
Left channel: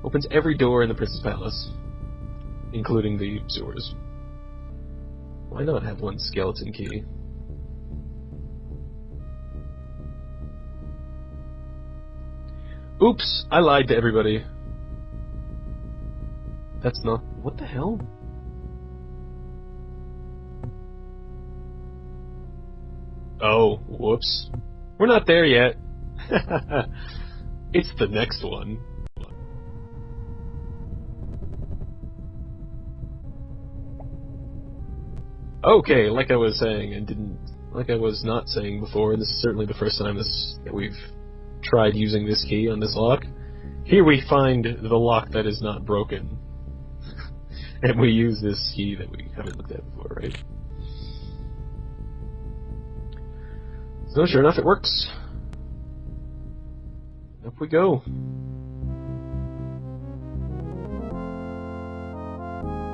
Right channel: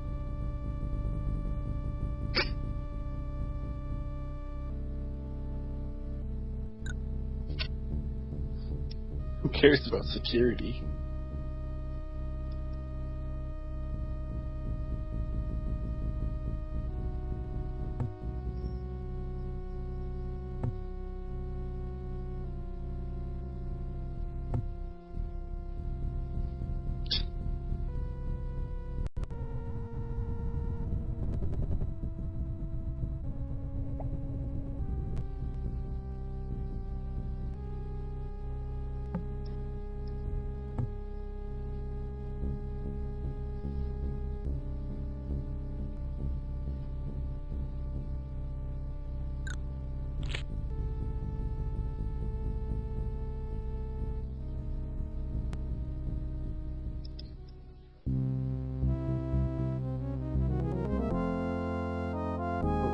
Opens every door in the Prince's Palace, including the sewers. Why not have one skeleton key? Who cares about security? Oops, I lied to everybody. That's not... What the hell? Oh, whoops. We're not there yet. It's the next one. Okay, like I was saying, like I was not saying before, and this is certainly the first time that we've tried using this key on this lock. Here we find the lock that is not broken. And we use this key that we haven't looked at before, right? So sure enough, it works. Up we go.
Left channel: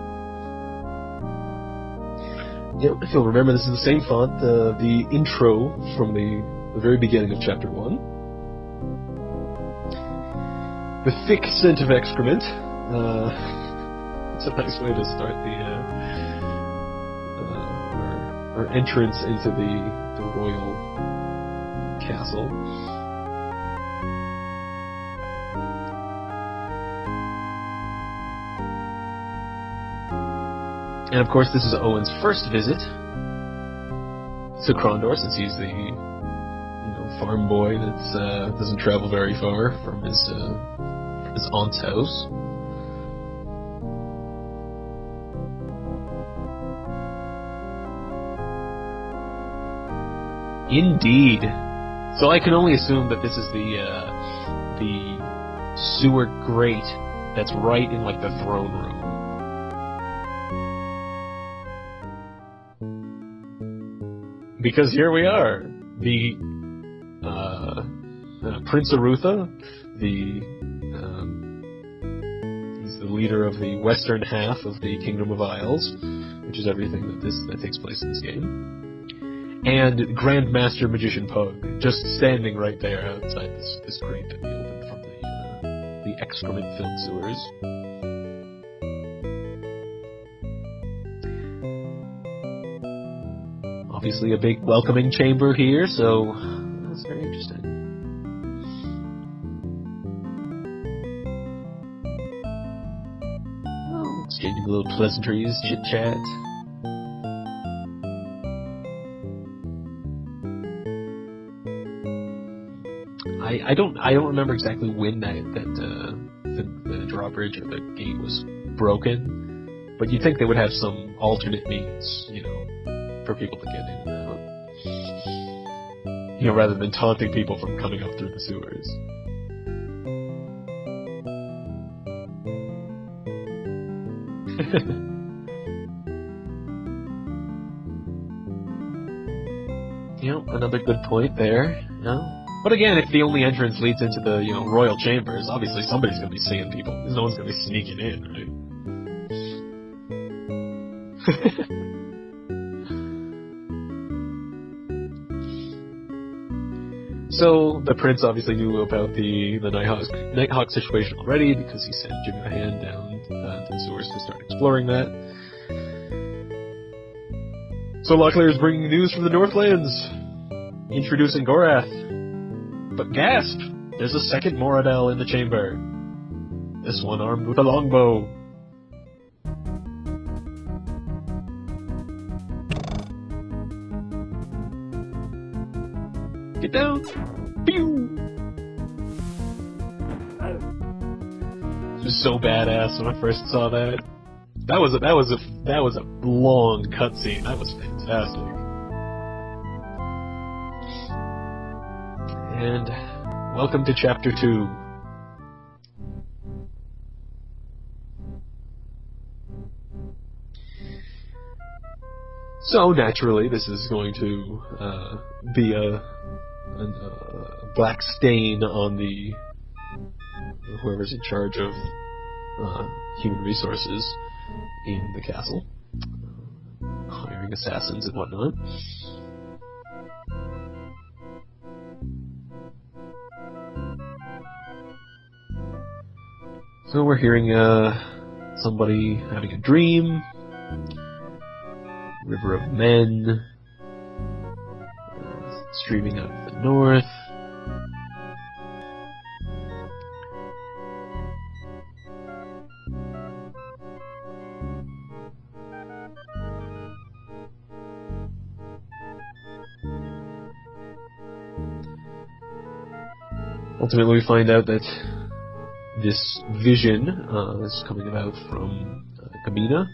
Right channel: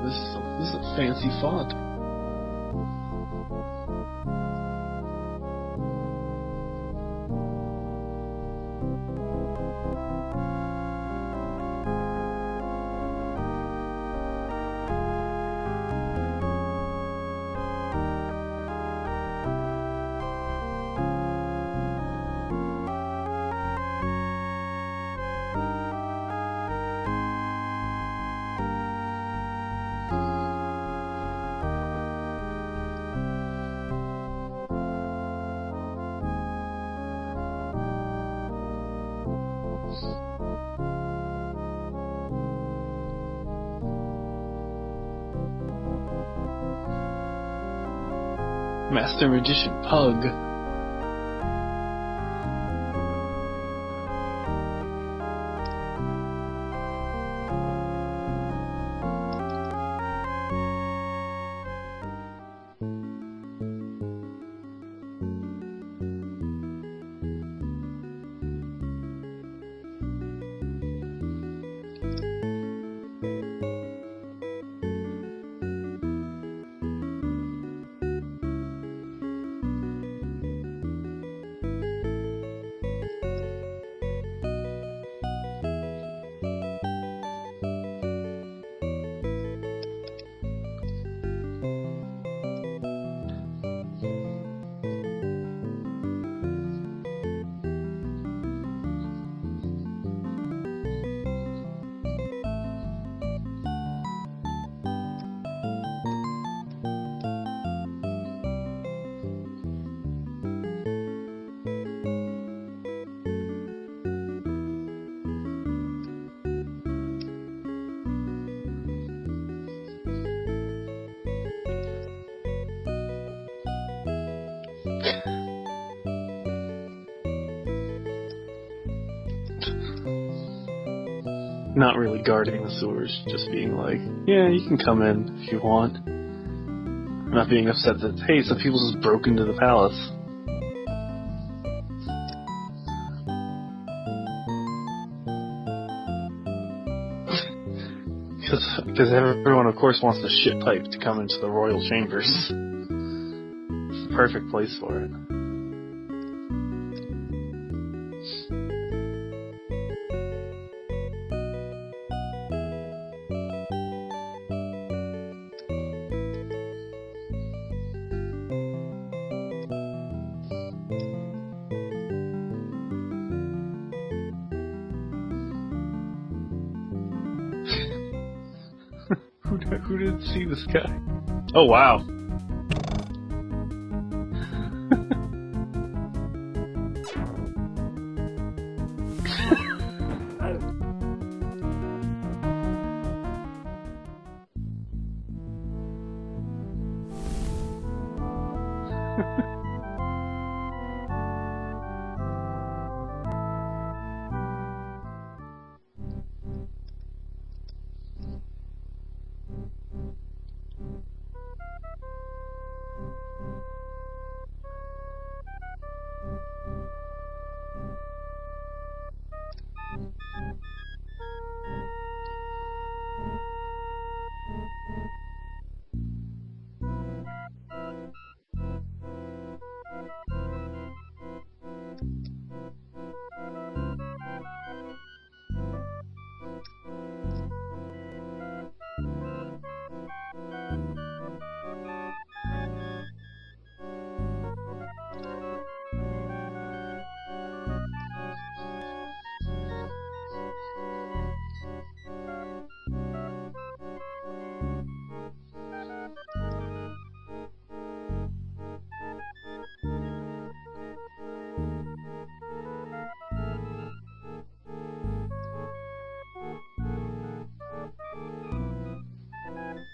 This is a fancy font. Yeah, if you'll remember, this is the same font, the intro from the very beginning of Chapter 1. The thick scent of excrement. It's a nice way to start our entrance into the royal castle. And of course, this is Owen's first visit to Krondor, since he's the farm boy that doesn't travel very far from his aunt's house. Master Magician Pug. Indeed. So I can only assume that this is the sewer grate that's right in like the throne room. Because here we are, the Prince Arutha, he's the leader of the western half of the Kingdom of Isles, which is everything that takes place in this game, and Grand Master Magician Pug, just standing right there outside this grate that we opened from the excrement-filled sewers. Obviously a big welcoming chamber here, so that's very interesting. Exchanging little pleasantries, chit-chat. I don't remember exactly when the drawbridge or the gate was broken, but you'd think they would have some alternate means, for people to get in, rather than taunting people from coming up through the sewers. Not really guarding the sewers, just being like, yeah, you can come in if you want. Not being upset that, hey, some people just broke into the palace. Another good point there. But again, if the only entrance leads into the, royal chambers, obviously somebody's going to be seeing people. No one's going to be sneaking in. Because everyone, of course, wants the shit pipe to come into the royal chambers. It's the perfect place for it. So, the prince obviously knew about the Nighthawk situation already, because he sent Jim Hand down to the sewers to start exploring that. So Locklear is bringing news from the Northlands, introducing Gorath. But gasp! There's a second Moradel in the chamber. This one armed with a longbow. Who didn't see this guy? Oh, wow. Get down! Pew! It was so badass when I first saw that. That was a long cutscene. That was fantastic. And welcome to Chapter 2. So naturally, this is going to be a black stain on the whoever's in charge of human resources in the castle, hiring assassins and whatnot. So we're hearing somebody having a dream. River of Men, streaming out of the north. Ultimately, we find out that this vision is coming about from Kamina.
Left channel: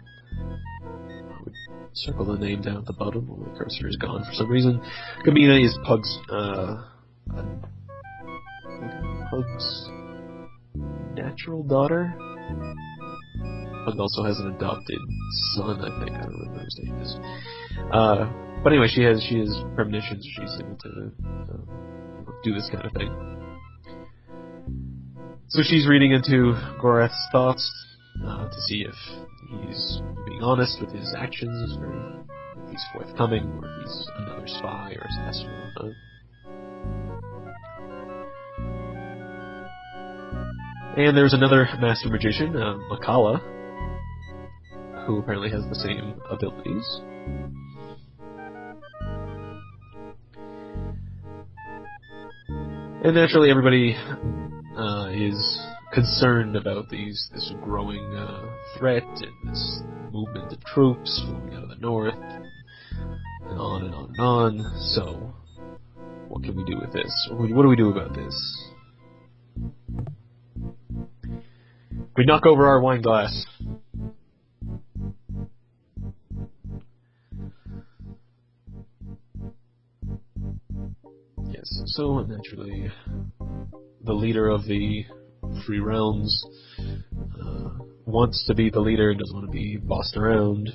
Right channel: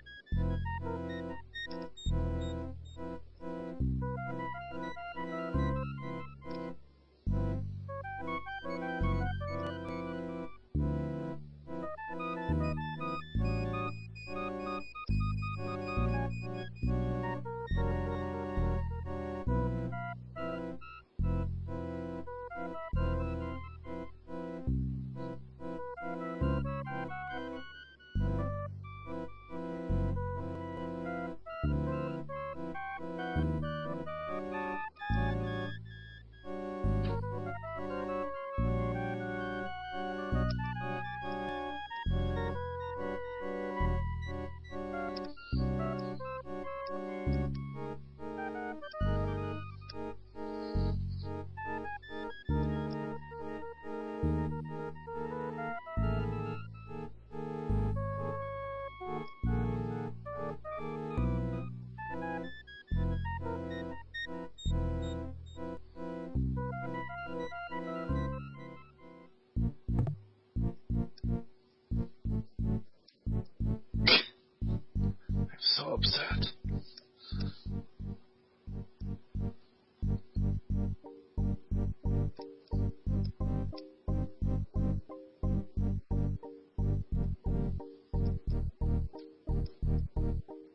Circle the name down at the bottom where the cursor is gone for some reason. Kamina is Pug's natural daughter. Pug also has an adopted son, I think. I don't remember his name is. But anyway, she has premonitions. She's able to do this kind of thing. So she's reading into Gorath's thoughts to see if he's being honest with his actions, or if he's forthcoming, or if he's another spy or assassin. And there's another master magician, Makala, who apparently has the same abilities. And naturally, everybody is concerned about this growing threat and this movement of troops moving out of the north, and on and on and on. So, what can we do with this? What do we do about this? We knock over our wine glass. I'm so upset. Yes, so naturally, the leader of the Free Realms wants to be the leader, doesn't want to be bossed around,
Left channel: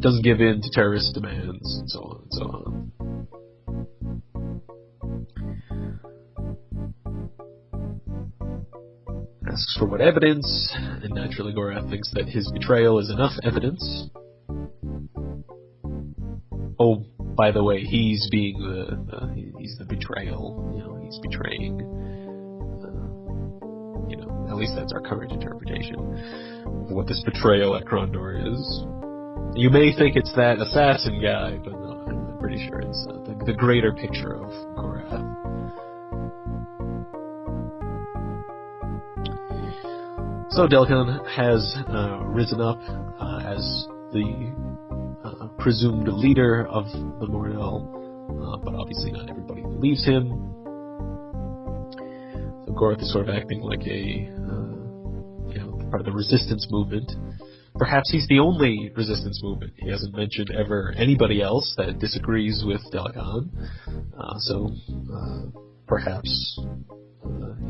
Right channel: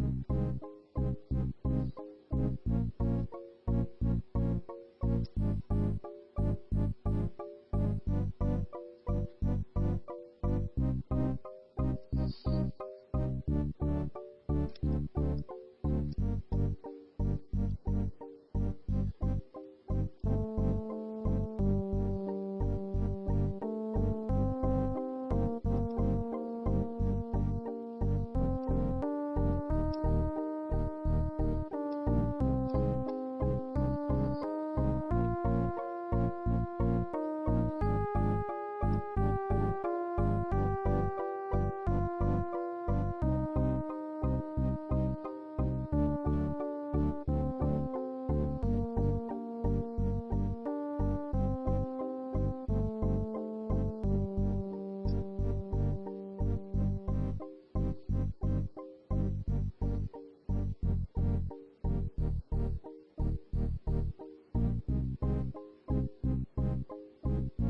doesn't give in to terrorist demands, and so on and so on. Asks for what evidence, and naturally Gorath thinks that his betrayal is enough evidence. Oh, by the way, he's being he's the betrayal. You know, he's betraying. You know, at least that's our current interpretation of what this betrayal at Krondor is. You may think it's that assassin guy, but no, I'm pretty sure it's the greater picture of Gorath. So Delcon has risen up as the presumed leader of the Mordel, but obviously not everybody believes him. So Gorath is sort of acting like a part of the resistance movement. Perhaps he's the only resistance movement. He hasn't mentioned ever anybody else that disagrees with Delcon. So perhaps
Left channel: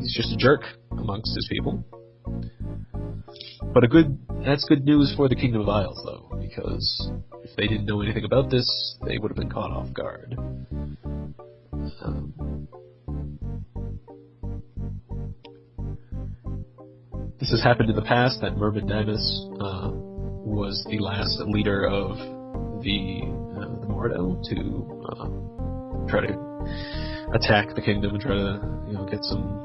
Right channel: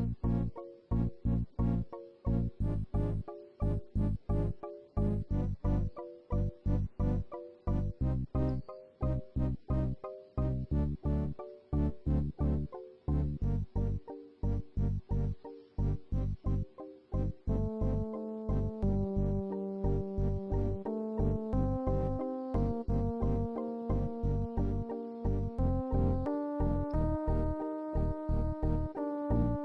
he's just a jerk amongst his people. But that's good news for the Kingdom of Isles, though, because if they didn't know anything about this, they would have been caught off guard. This has happened in the past, that Myrmidonus was the last leader of the Mordel to try to attack the kingdom and try to get some.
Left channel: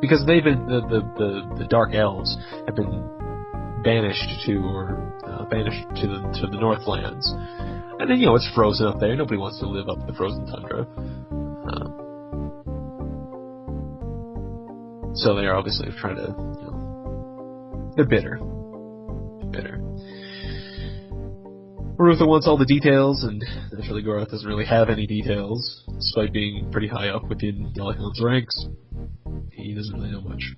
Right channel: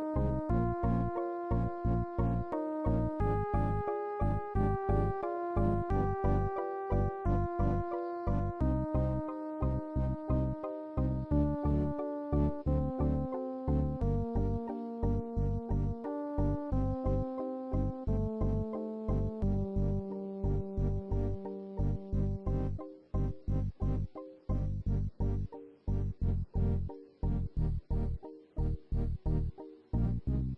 Because they've been the Dark Elves have been banished to the Northlands, and then it's frozen up there. Nobody wants to live up in the frozen tundra, so they are obviously trying to. They're bitter. Marutha wants all the details, and naturally Gorath doesn't really have any details, despite being pretty high up within Delcon's ranks. He doesn't really know much.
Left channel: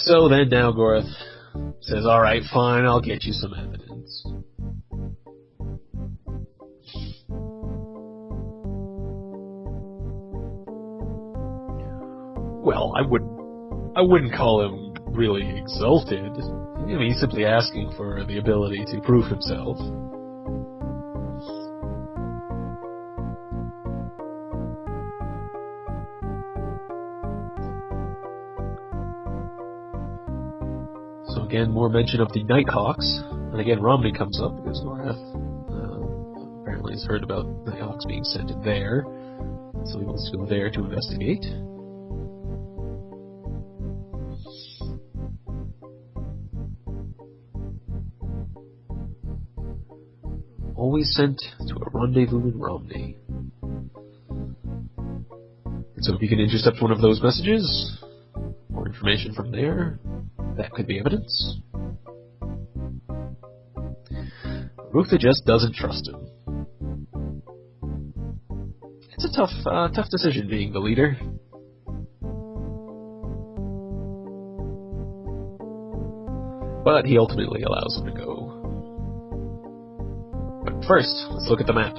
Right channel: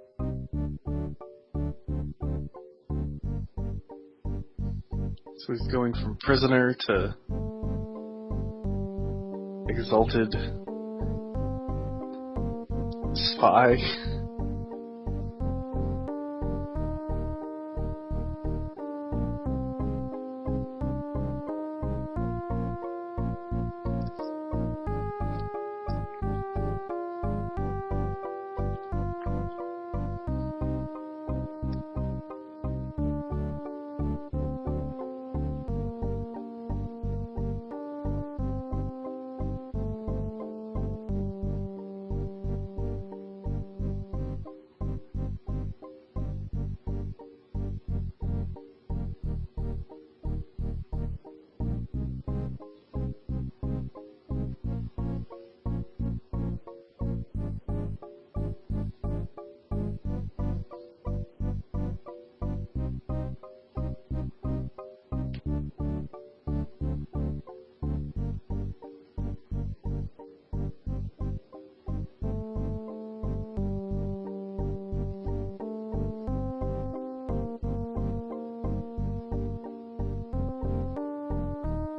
So then now Gorath says, alright, fine, I'll get you some evidence. So he's going from prisoner to exalted. Well, I wouldn't call him really exalted. He's simply asking for the ability to prove himself. So again, more mention of the Nighthawks. And again, Romney comes up because Gorath apparently has heard about Nighthawks being sent there. So he wants to go there to investigate. Always sent to a rendezvous in Romney. So if you can intercept one of those messages, more information from there, that could be evidence. Rutha just doesn't trust him. It's a tough decision being the leader. But he ultimately allows him to go. But first, let's look at the map.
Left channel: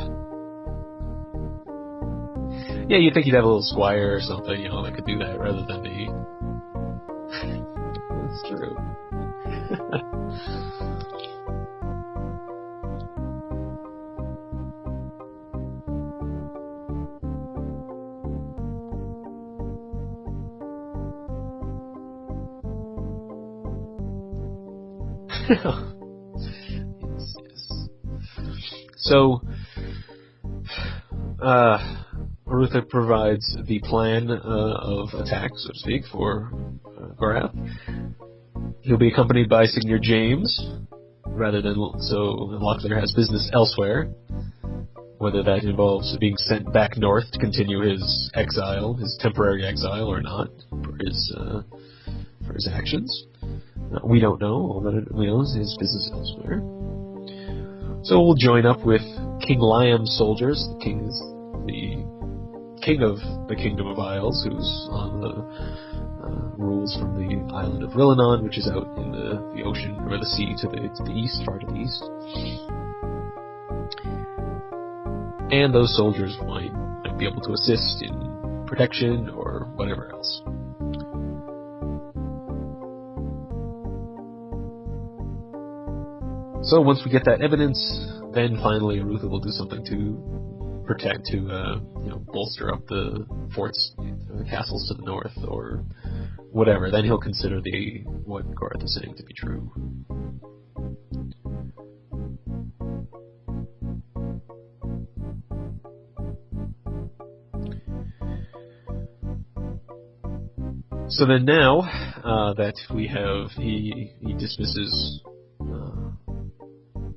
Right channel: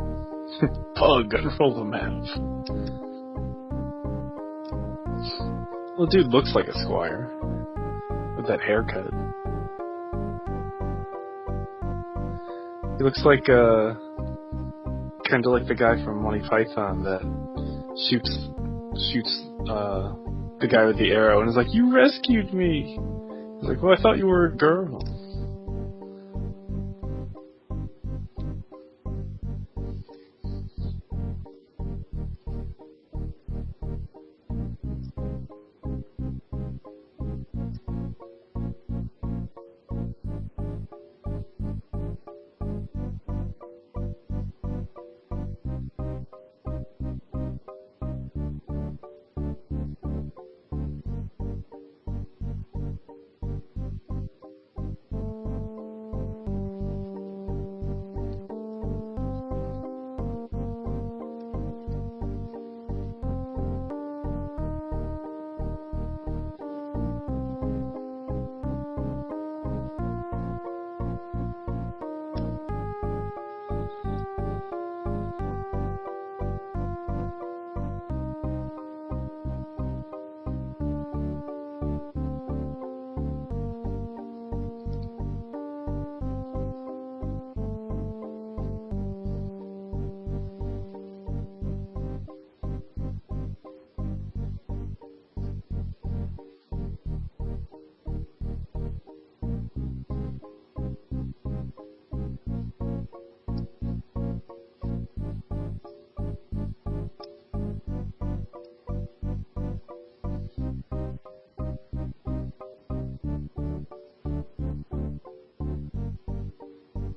Pug, roll the map. Yeah, you'd think he'd have a little squire or something, that could do that rather than me. Well, dude looks like a squire. With that haircut. He looks like, kind of like the guy from Monty Python that shoots the guy with the arrow and is like, "You rescued me." He's like, "Well, I thought you were a girl." Yes. So, Marutha provides the plan of attack, so to speak, for Gorath. He'll be accompanied by Seigneur James, rather than so Locklear has business elsewhere. Whether that involves being sent back north to continue his exile, his temporary exile, or not, for his actions. We don't know. All that we know is his business elsewhere. So we'll join up with King Liam's soldiers. The king of the Kingdom of Isles, who's on the rules from the island of Rillanon, which is out in the ocean or the sea to the east, far to the east. And those soldiers might be able to assist in protection or whatever else. So once we get that evidence, then finally Arutha will do something to protect, to bolster up the forts, the castles to the north, or whatever. Then he'll consider what Gorath is saying to be true. So then now that we have, he dismisses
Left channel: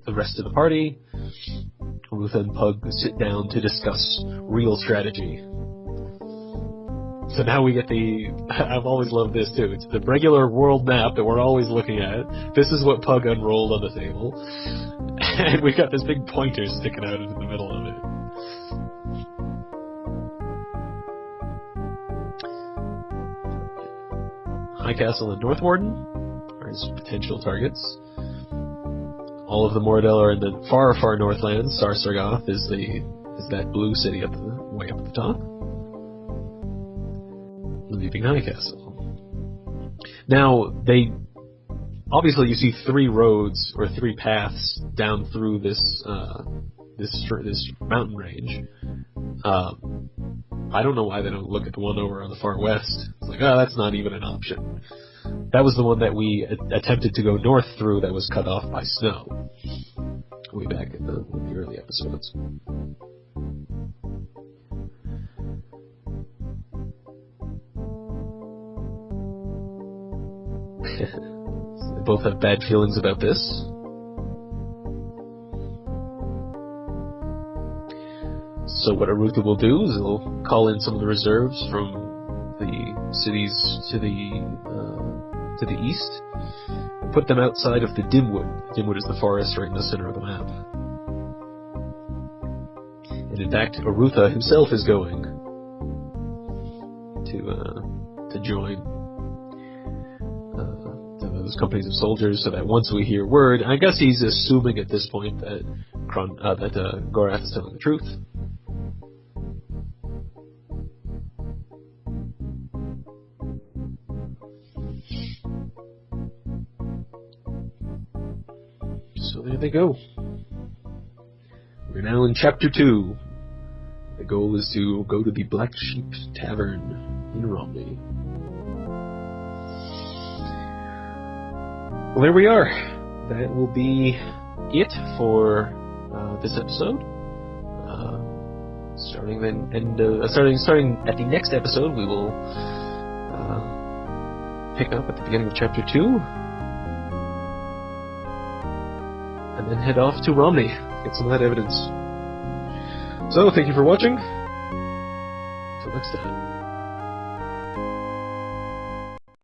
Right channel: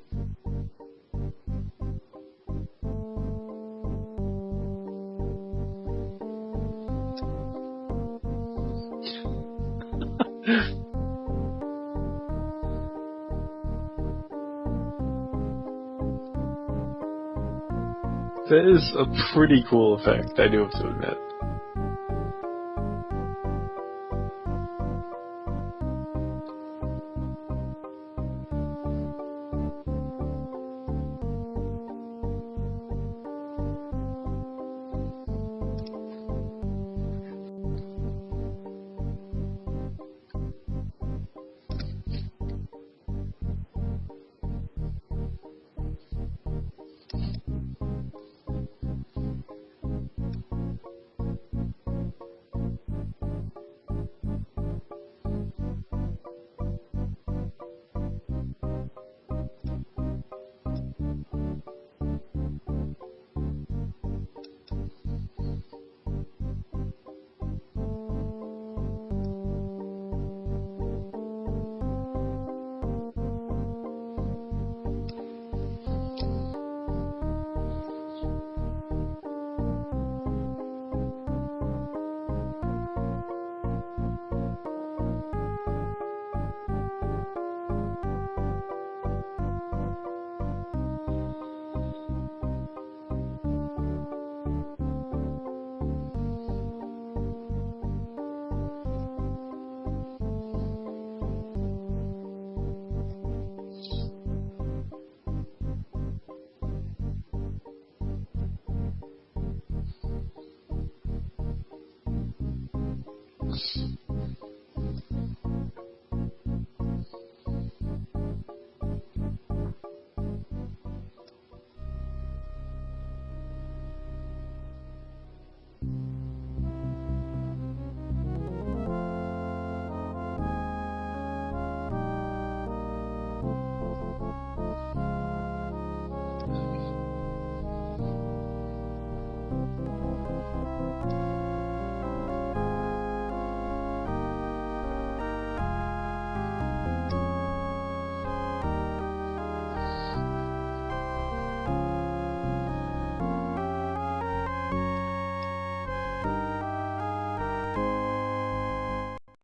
the rest of the party, Arutha and Pug sit down to discuss real strategy. So now we get I've always loved this too, it's the regular world map that we're always looking at. This is what Pug unrolled on the table. And we've got this big pointer sticking out into the middle of it. That is a pretty cool effect, I do have to admit. High Castle and North Warden are his potential targets. All of the Moradel are in the far, far northlands. Sarsargoth is that blue city way up at the top. Leaving High Castle. Now, obviously you see 3 roads or 3 paths down through this mountain range. I don't know why they don't look at the one over on the far west. It's like, that's not even an option. That was the one that we attempted to go north through that was cut off by snow. Way back in the early episodes. They both have bad feelings about this. So what Arutha will do is he'll call in some of the reserves from the cities to the east, and put them outside of the Dimwood. Dimwood is the forest right in the center of the map. And in fact, Arutha himself is going to join those companies of soldiers, so that once we hear word, I guess he's assuming at this point that Gorath is telling the truth. So there they go. We're now in Chapter 2. The goal is to go to the Black Sheep Tavern in Romney. Well, there we are. That will be it for this episode. Starting at the next episode, we will pick up at the beginning of Chapter 2, and then head off to Romney, get some of that evidence. So, thank you for watching. Till next time.